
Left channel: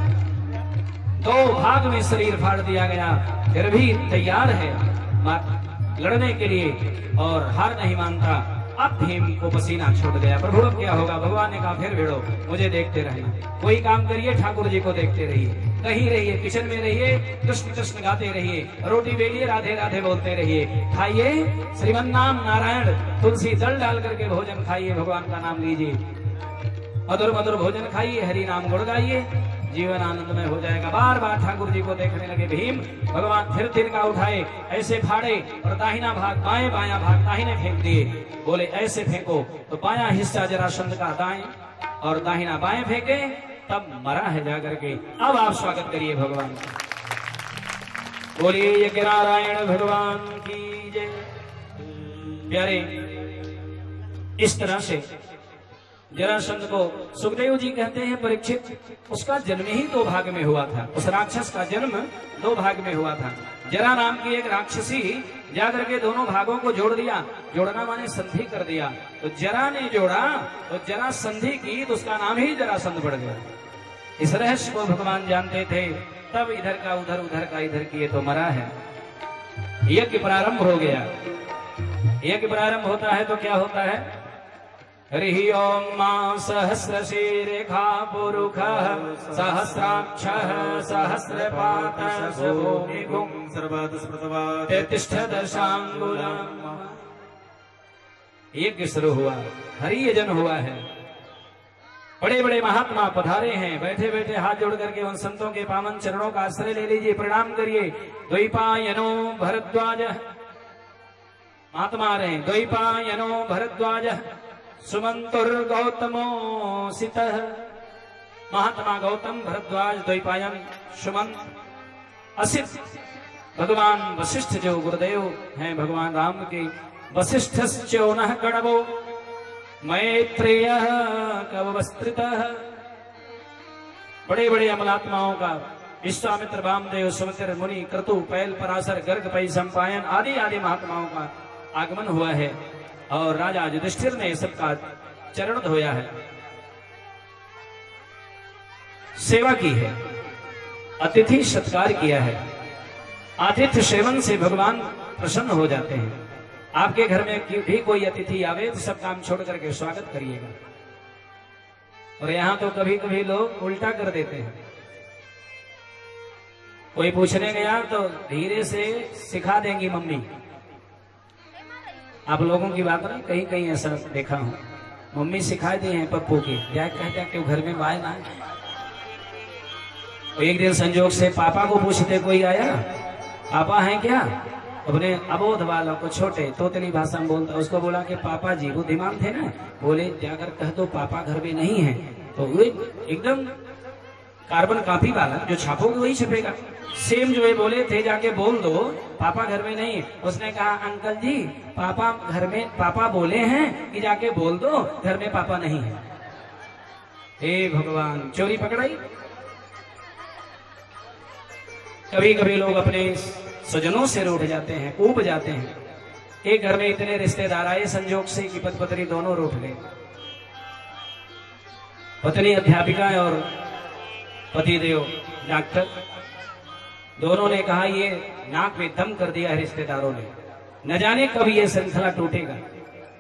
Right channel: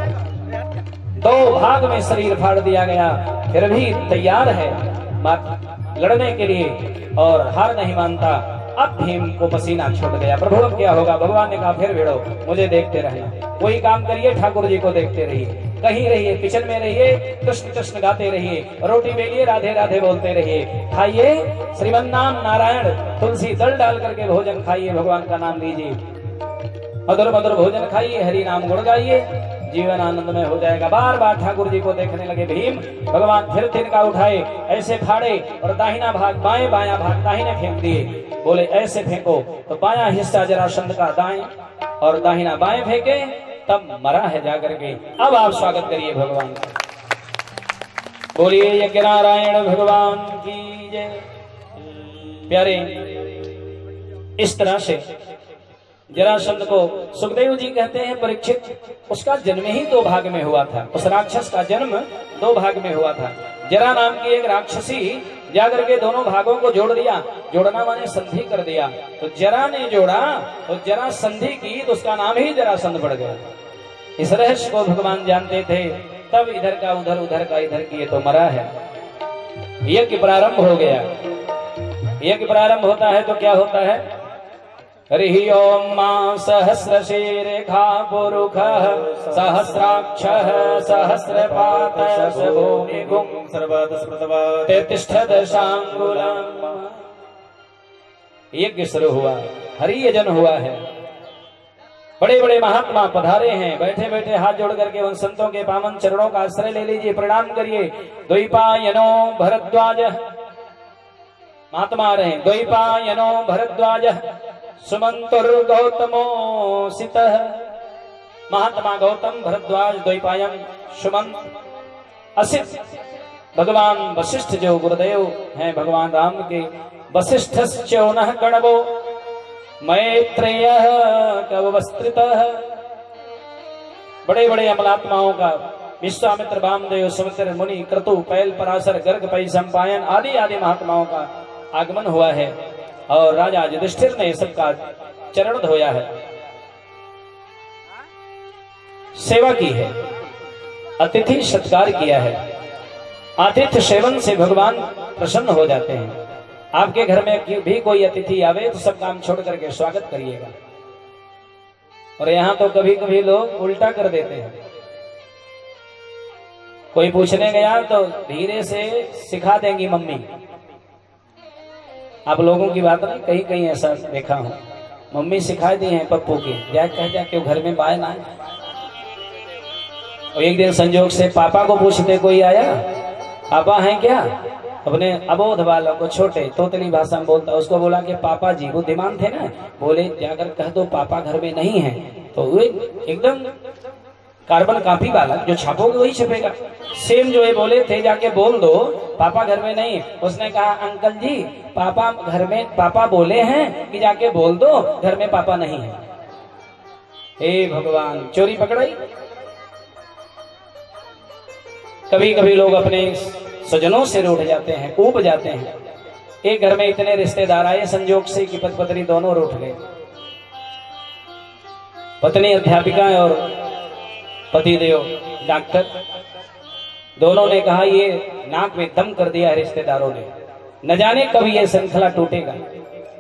2 भाग में शरीर फाड़ दिया गया, फिर भी तैयार है लड़ने के लिए और हार नहीं मानता। अब भीम को पसीना छूट गया, प्रभु अब क्या होगा। भगवान ने कहा फिर भिड़ो, मुझे देखते रहना, कोई काम करिए ठाकुर जी को देखते रहिए, कहीं रहिए किचन में रहिए, कृष्ण कृष्ण गाते रहिए, रोटी बेलिए राधे राधे बोलते रहिए, खाइए श्रीमन नाम नारायण, तुलसी दल डाल करके भोजन खाइए, भगवान का नाम लीजिए, मधुर मधुर भोजन खाइए, हरि नाम गुण गाइए, जीवन आनंदमय हो जाएगा। बार बार ठाकुर जी को देखने लगे भीम। भगवान फिर तिनका उठाए, ऐसे फाड़े और दाहिना भाग बाएं, बायां भाग दाहिने फेंक दिए। बोले ऐसे फेंको तो बायां हिस्सा जरासंध का दाएं और दाहिना बाएं फेंके, तब मरा है जाकर के। अब आप स्वागत करिए भगवान का। बोलिए यज्ञ नारायण भगवान की जय। प्यारे, इस तरह से जरासंध को सुखदेव जी कहते हैं परीक्षित, उसका जन्म ही दो भाग में हुआ था। उस राक्षस का जन्म दो भाग में हुआ था। जरा नाम की एक राक्षसी जाकर के दोनों भागों को जोड़ दिया। जोड़ना माने संधि कर दिया। तो जरा ने जोड़ा तो जरा संधि की, तो उसका नाम ही जरासंध पड़ गया। इस रहस्य को भगवान जानते थे, तब इधर का उधर, उधर का इधर किए तो मरा है। यज्ञ प्रारंभ हो गया। यज्ञ प्रारंभ होता है तो क्या होता है? हरि ओम मां सहस्रशीरेखा पुरुखः सहस्राक्षः सहस्रपातः भूमिगुं तिष्ठदशांगुलम्। यज्ञ शुरू हुआ, हरि यजन हुआ है। बड़े बड़े महात्मा पधारे हैं। बैठे बैठे हाथ जोड़ करके उन संतों के पावन चरणों का आश्रय ले लीजिए, प्रणाम करिए। द्वैपायनो भरद्वाज महात्मा आ रहे हैं। द्वैपायनो भरद्वाज सुमंतुर्गौतमो सितः। महात्मा गौतम, भरद्वाज, द्वैपायन, सुमंत, असित। भगवान वशिष्ठ जो गुरुदेव हैं भगवान राम के, वशिष्ठश्चोनः गणवो मैत्रेयः कवस्त्रितः। बड़े बड़े अमलात्माओं का विश्वामित्र, वामदेव, सुमित्र मुनि, क्रतु, पैल, पराशर, गर्ग, पै, संपायन आदि आदि महात्माओं का आगमन हुआ है। और राजा युधिष्ठिर ने सबका चरण धोया है, सेवा की है, अतिथि सत्कार किया है। आतिथ्य सेवन से भगवान प्रसन्न हो जाते हैं। आपके घर में भी कोई अतिथि आवे तो सब काम छोड़ करके स्वागत करिएगा। और यहाँ तो कभी कभी लोग उल्टा कर देते हैं। कोई पूछने गया तो धीरे से सिखा देंगी मम्मी। आप लोगों की बात नहीं, कहीं कहीं ऐसा देखा हूं। मम्मी सिखा दी है पप्पू की, क्या कहते हैं क्यों घर में बाय ना। और एक दिन संजोग से पापा को पूछते कोई आया, पापा हैं क्या? अपने अबोध वालों को, छोटे तोतली भाषा में बोलता, उसको बोला कि पापा जी, वो दिमाग थे ना, बोले जाकर कह दो पापा घर में नहीं है। तो वो एकदम कार्बन कॉपी वाला जो छापोगे वही छपेगा। सेम जो है बोले थे जाके बोल दो पापा घर में नहीं। उसने कहा अंकल जी पापा घर में, पापा बोले हैं कि जाके बोल दो घर में पापा नहीं है। हे भगवान, चोरी पकड़ाई। कभी कभी लोग अपने स्वजनों से रूठ जाते हैं, ऊब जाते हैं। एक घर में इतने रिश्तेदार आए संजोग से कि पति पत्नी दोनों रूठ गए। पत्नी अध्यापिका और पतिदेव डॉक्टर, दोनों ने कहा ये नाक में दम कर दिया रिश्तेदारों ने, न जाने कब ये श्रृंखला टूटेगा।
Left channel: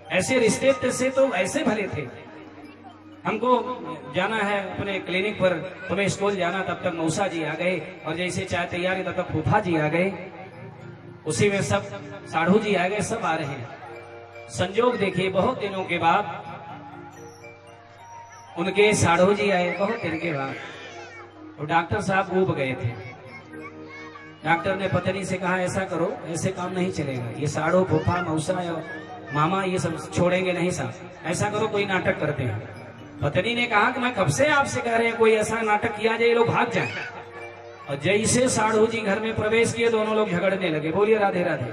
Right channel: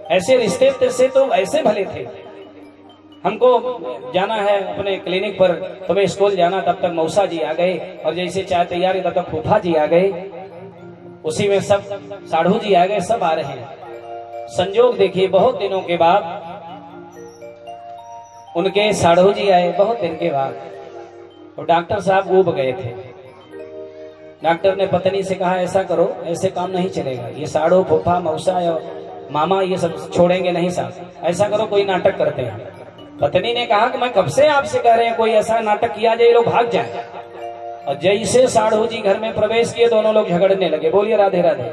ऐसे रिश्ते से तो ऐसे भले थे। हमको जाना है अपने क्लिनिक पर, तुम्हें स्कूल जाना, तब तक मौसा जी आ गए। और जैसे चाय तैयारी तब तक फूफा जी आ गए, उसी में सब साढ़ू जी आ गए, सब आ रहे हैं। संजोग देखिए, बहुत दिनों के बाद उनके साढ़ू जी आए, बहुत दिन के बाद। और डॉक्टर साहब ऊब गए थे। डॉक्टर ने पत्नी से कहा ऐसा करो, ऐसे काम नहीं चलेगा, ये साढ़ू, फूफा, मौसा या मामा ये सब छोड़ेंगे नहीं साहब। ऐसा करो कोई नाटक करते हैं। पत्नी ने कहा कि मैं कब से आपसे कह रहे हैं कोई ऐसा नाटक किया जाए, लोग भाग जाए। और जैसे साढ़ू जी घर में प्रवेश किए, दोनों लोग झगड़ने लगे। बोलिए राधे राधे,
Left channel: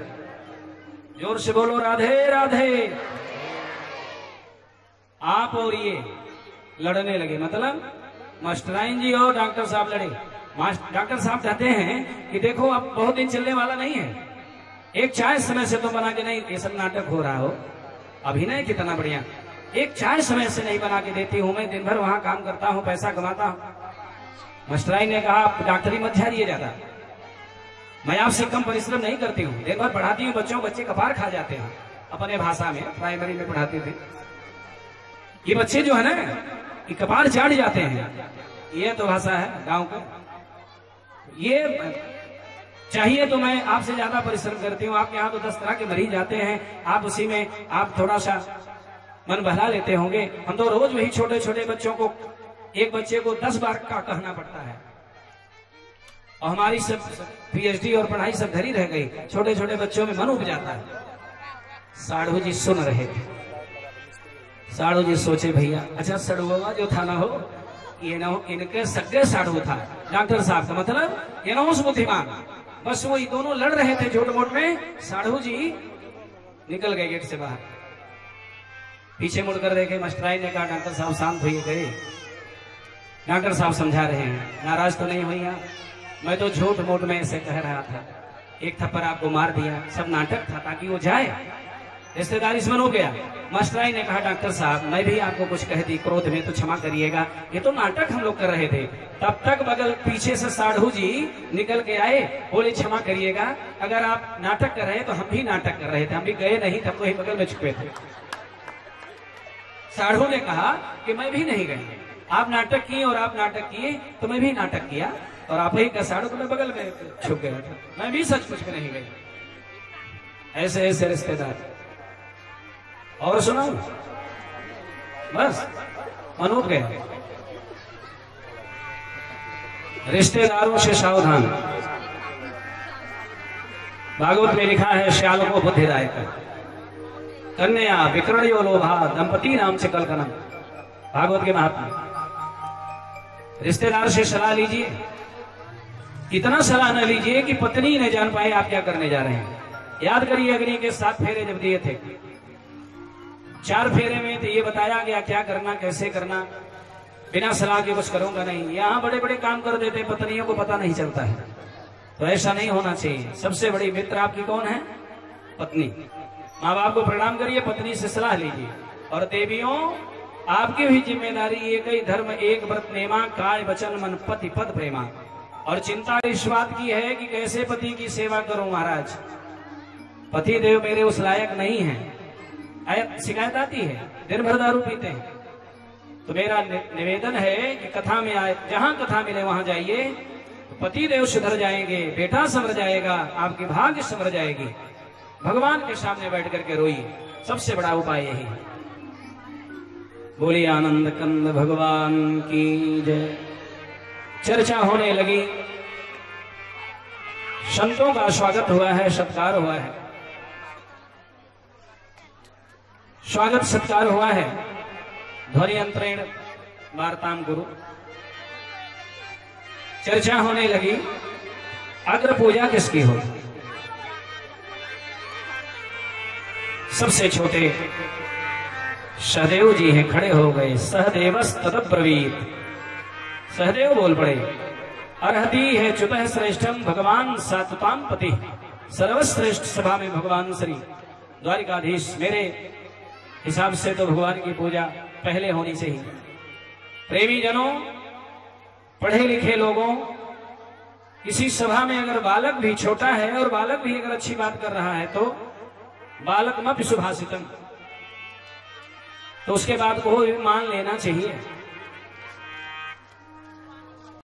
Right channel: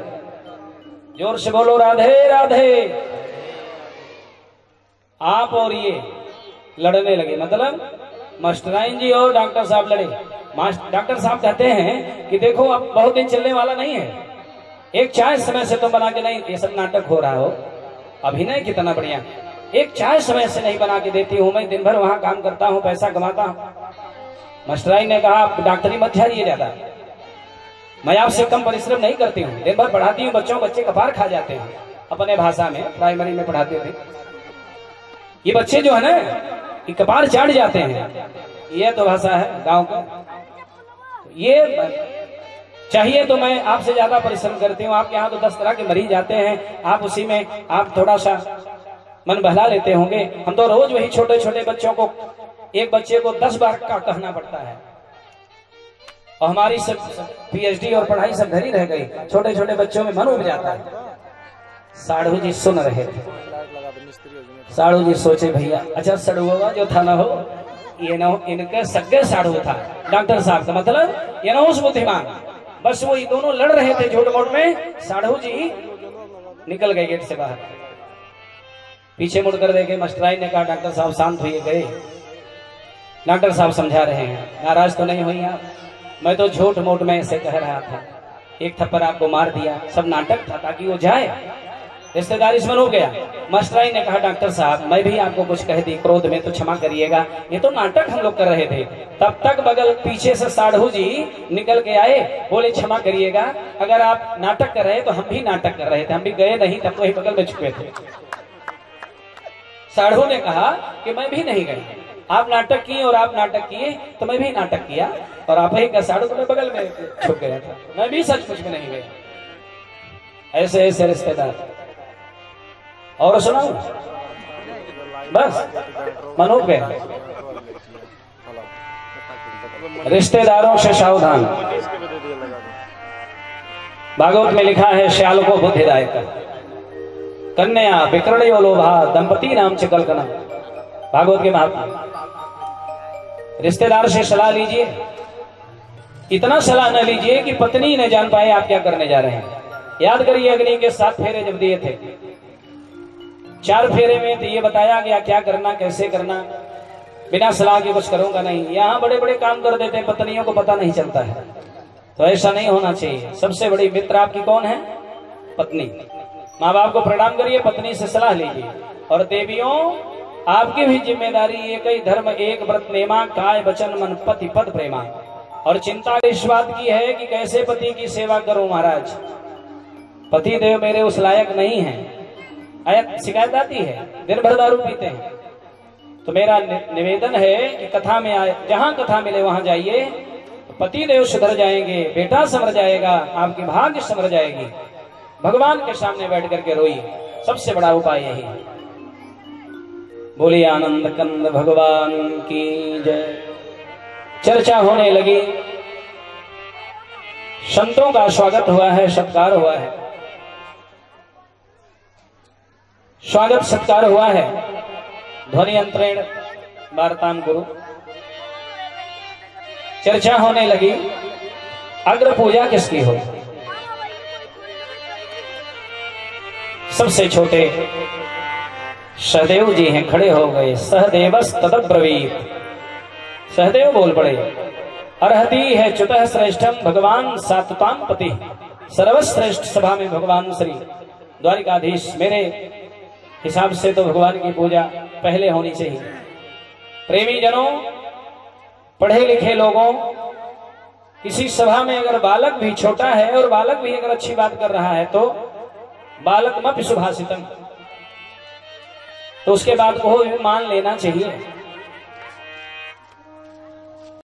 जोर से बोलो राधे राधे। आप और ये लड़ने लगे, मतलब मास्टराइन जी और डॉक्टर साहब लड़े। डॉक्टर साहब कहते हैं कि देखो अब बहुत दिन चलने वाला नहीं है, एक चाय समय से तो बना के नहीं, ये सब नाटक हो रहा हो, अभिनय कितना बढ़िया, एक चाय समय से नहीं बना के देती हूँ, मैं दिन भर वहां काम करता हूँ, पैसा कमाता हूँ। मास्टराइन ने कहा आप डॉक्टरी मत झाड़िए ज्यादा, मैं आपसे कम परिश्रम नहीं करती हूँ, दिन भर पढ़ाती हूँ बच्चों, बच्चे कपार खा जाते हैं। अपने भाषा में प्राइमरी में पढ़ाते थे, ये बच्चे जो है ना ये कपार चाट जाते हैं, ये तो भाषा है गांव का। ये चाहिए तो मैं आपसे ज्यादा परिश्रम करती हूँ, आपके यहाँ तो 10 तरह के मरीज आते हैं, आप उसी में आप थोड़ा सा मन बहला लेते होंगे। हम तो रोज वही छोटे छोटे बच्चों को एक बच्चे को 10 बार का कहना पड़ता है। और हमारी सब पीएचडी और पढ़ाई सब घर ही रह गई, छोटे छोटे बच्चों में मन उब जाता है। साढ़ू जी सुन रहे थे। साढ़ू जी सोचे भैया अच्छा सड़ुआ जो था ना हो ये ना इनके सगे साढ़ू था डॉक्टर साहब का मतलब ये ना उस बुद्धिमान। बस वो ये दोनों लड़ रहे थे झूठ मूठ में। साढ़ू जी निकल गए गेट से बाहर। पीछे मुड़कर देखे मास्टराई ने कहा डॉक्टर साहब शांत होइए गए। डॉक्टर साहब समझा रहे हैं नाराज तो नहीं हुई आप, मैं तो झूठ मूठ में ऐसे कह रहा था, एक थप्पड़ आपको मार दिया, सब नाटक था ताकि वो जाए। रिश्तेदारी इसमें हो गया। मास्टराई ने कहा डॉक्टर साहब मैं भी आपको कुछ कह दी क्रोध में तो क्षमा करिएगा, ये तो नाटक हम लोग कर रहे थे। तब तक बगल पीछे से साढ़ू जी निकल के आए, बोले क्षमा करिएगा अगर आप नाटक कर रहे तो हम भी नाटक कर रहे थे, हम भी गए नहीं तब वही बगल में छुपे थे। साढ़ू ने कहा कि मैं भी नहीं गई, आप नाटक किए और आप नाटक किए तो मैं भी नाटक किया और आप ही का साढ़ू को बगल में छुप गया था, मैं भी सचमुच में नहीं गई। ऐसे ऐसे रिश्तेदार। और सुनाऊं बस मनो पे रिश्तेदारों से सावधान। भागवत में लिखा है श्याल को बुद्धिदायक कन्या विकरणयो लोभा दंपति नाम से कलकना। भागवत के महात्मा। रिश्तेदार से सलाह लीजिए, इतना सलाह न लीजिए कि पत्नी न जान पाए आप क्या करने जा रहे हैं। याद करिए अग्नि के 7 फेरे जब दिए थे, 4 फेरे में तो ये बताया गया क्या करना कैसे करना, बिना सलाह के कुछ करूंगा नहीं। यहाँ बड़े बड़े काम कर देते हैं, पत्नियों को पता नहीं चलता है, तो ऐसा नहीं होना चाहिए। सबसे बड़ी मित्र आपकी कौन है? पत्नी। माँ बाप को प्रणाम करिए, पत्नी से सलाह लीजिए। और देवियों आपकी भी जिम्मेदारी एक ही धर्म एक व्रत नेमा काय वचन मन पति पद प्रेमा। और चिंता इस बात की है कि कैसे पति की सेवा करूं महाराज, पति देव मेरे उस लायक नहीं है। शिकायत आती है दिन भर दारू पीते हैं, तो मेरा निवेदन है कि कथा में आए, जहां कथा मिले वहां जाइए, पति देव सुधर जाएंगे, बेटा संभर जाएगा, आपकी भाग्य संभर जाएगी। भगवान के सामने बैठ करके रोइए, सबसे बड़ा उपाय यही है। बोलिए आनंद कंद भगवान की जय। चर्चा होने लगी, संतों का स्वागत हुआ है, सत्कार हुआ है, स्वागत सत्कार हुआ है। ध्वनि अंतरेण वार्तान गुरु। चर्चा होने लगी अग्र पूजा किसकी हो। सबसे छोटे सहदेव जी हैं, खड़े हो गए। सहदेवस तदब्रवीत, सहदेव बोल पड़े। अर्हति है च्युतः श्रेष्ठम भगवान सात्वताम पति। सर्वश्रेष्ठ सभा में भगवान श्री द्वारिकाधीश, मेरे हिसाब से तो भगवान की पूजा पहले होनी चाहिए। प्रेमी जनों, पढ़े लिखे लोगों, किसी सभा में अगर बालक भी छोटा है और बालक भी अगर अच्छी बात कर रहा है तो बालक मत सुभाषितम, तो उसके बाद को मान लेना चाहिए।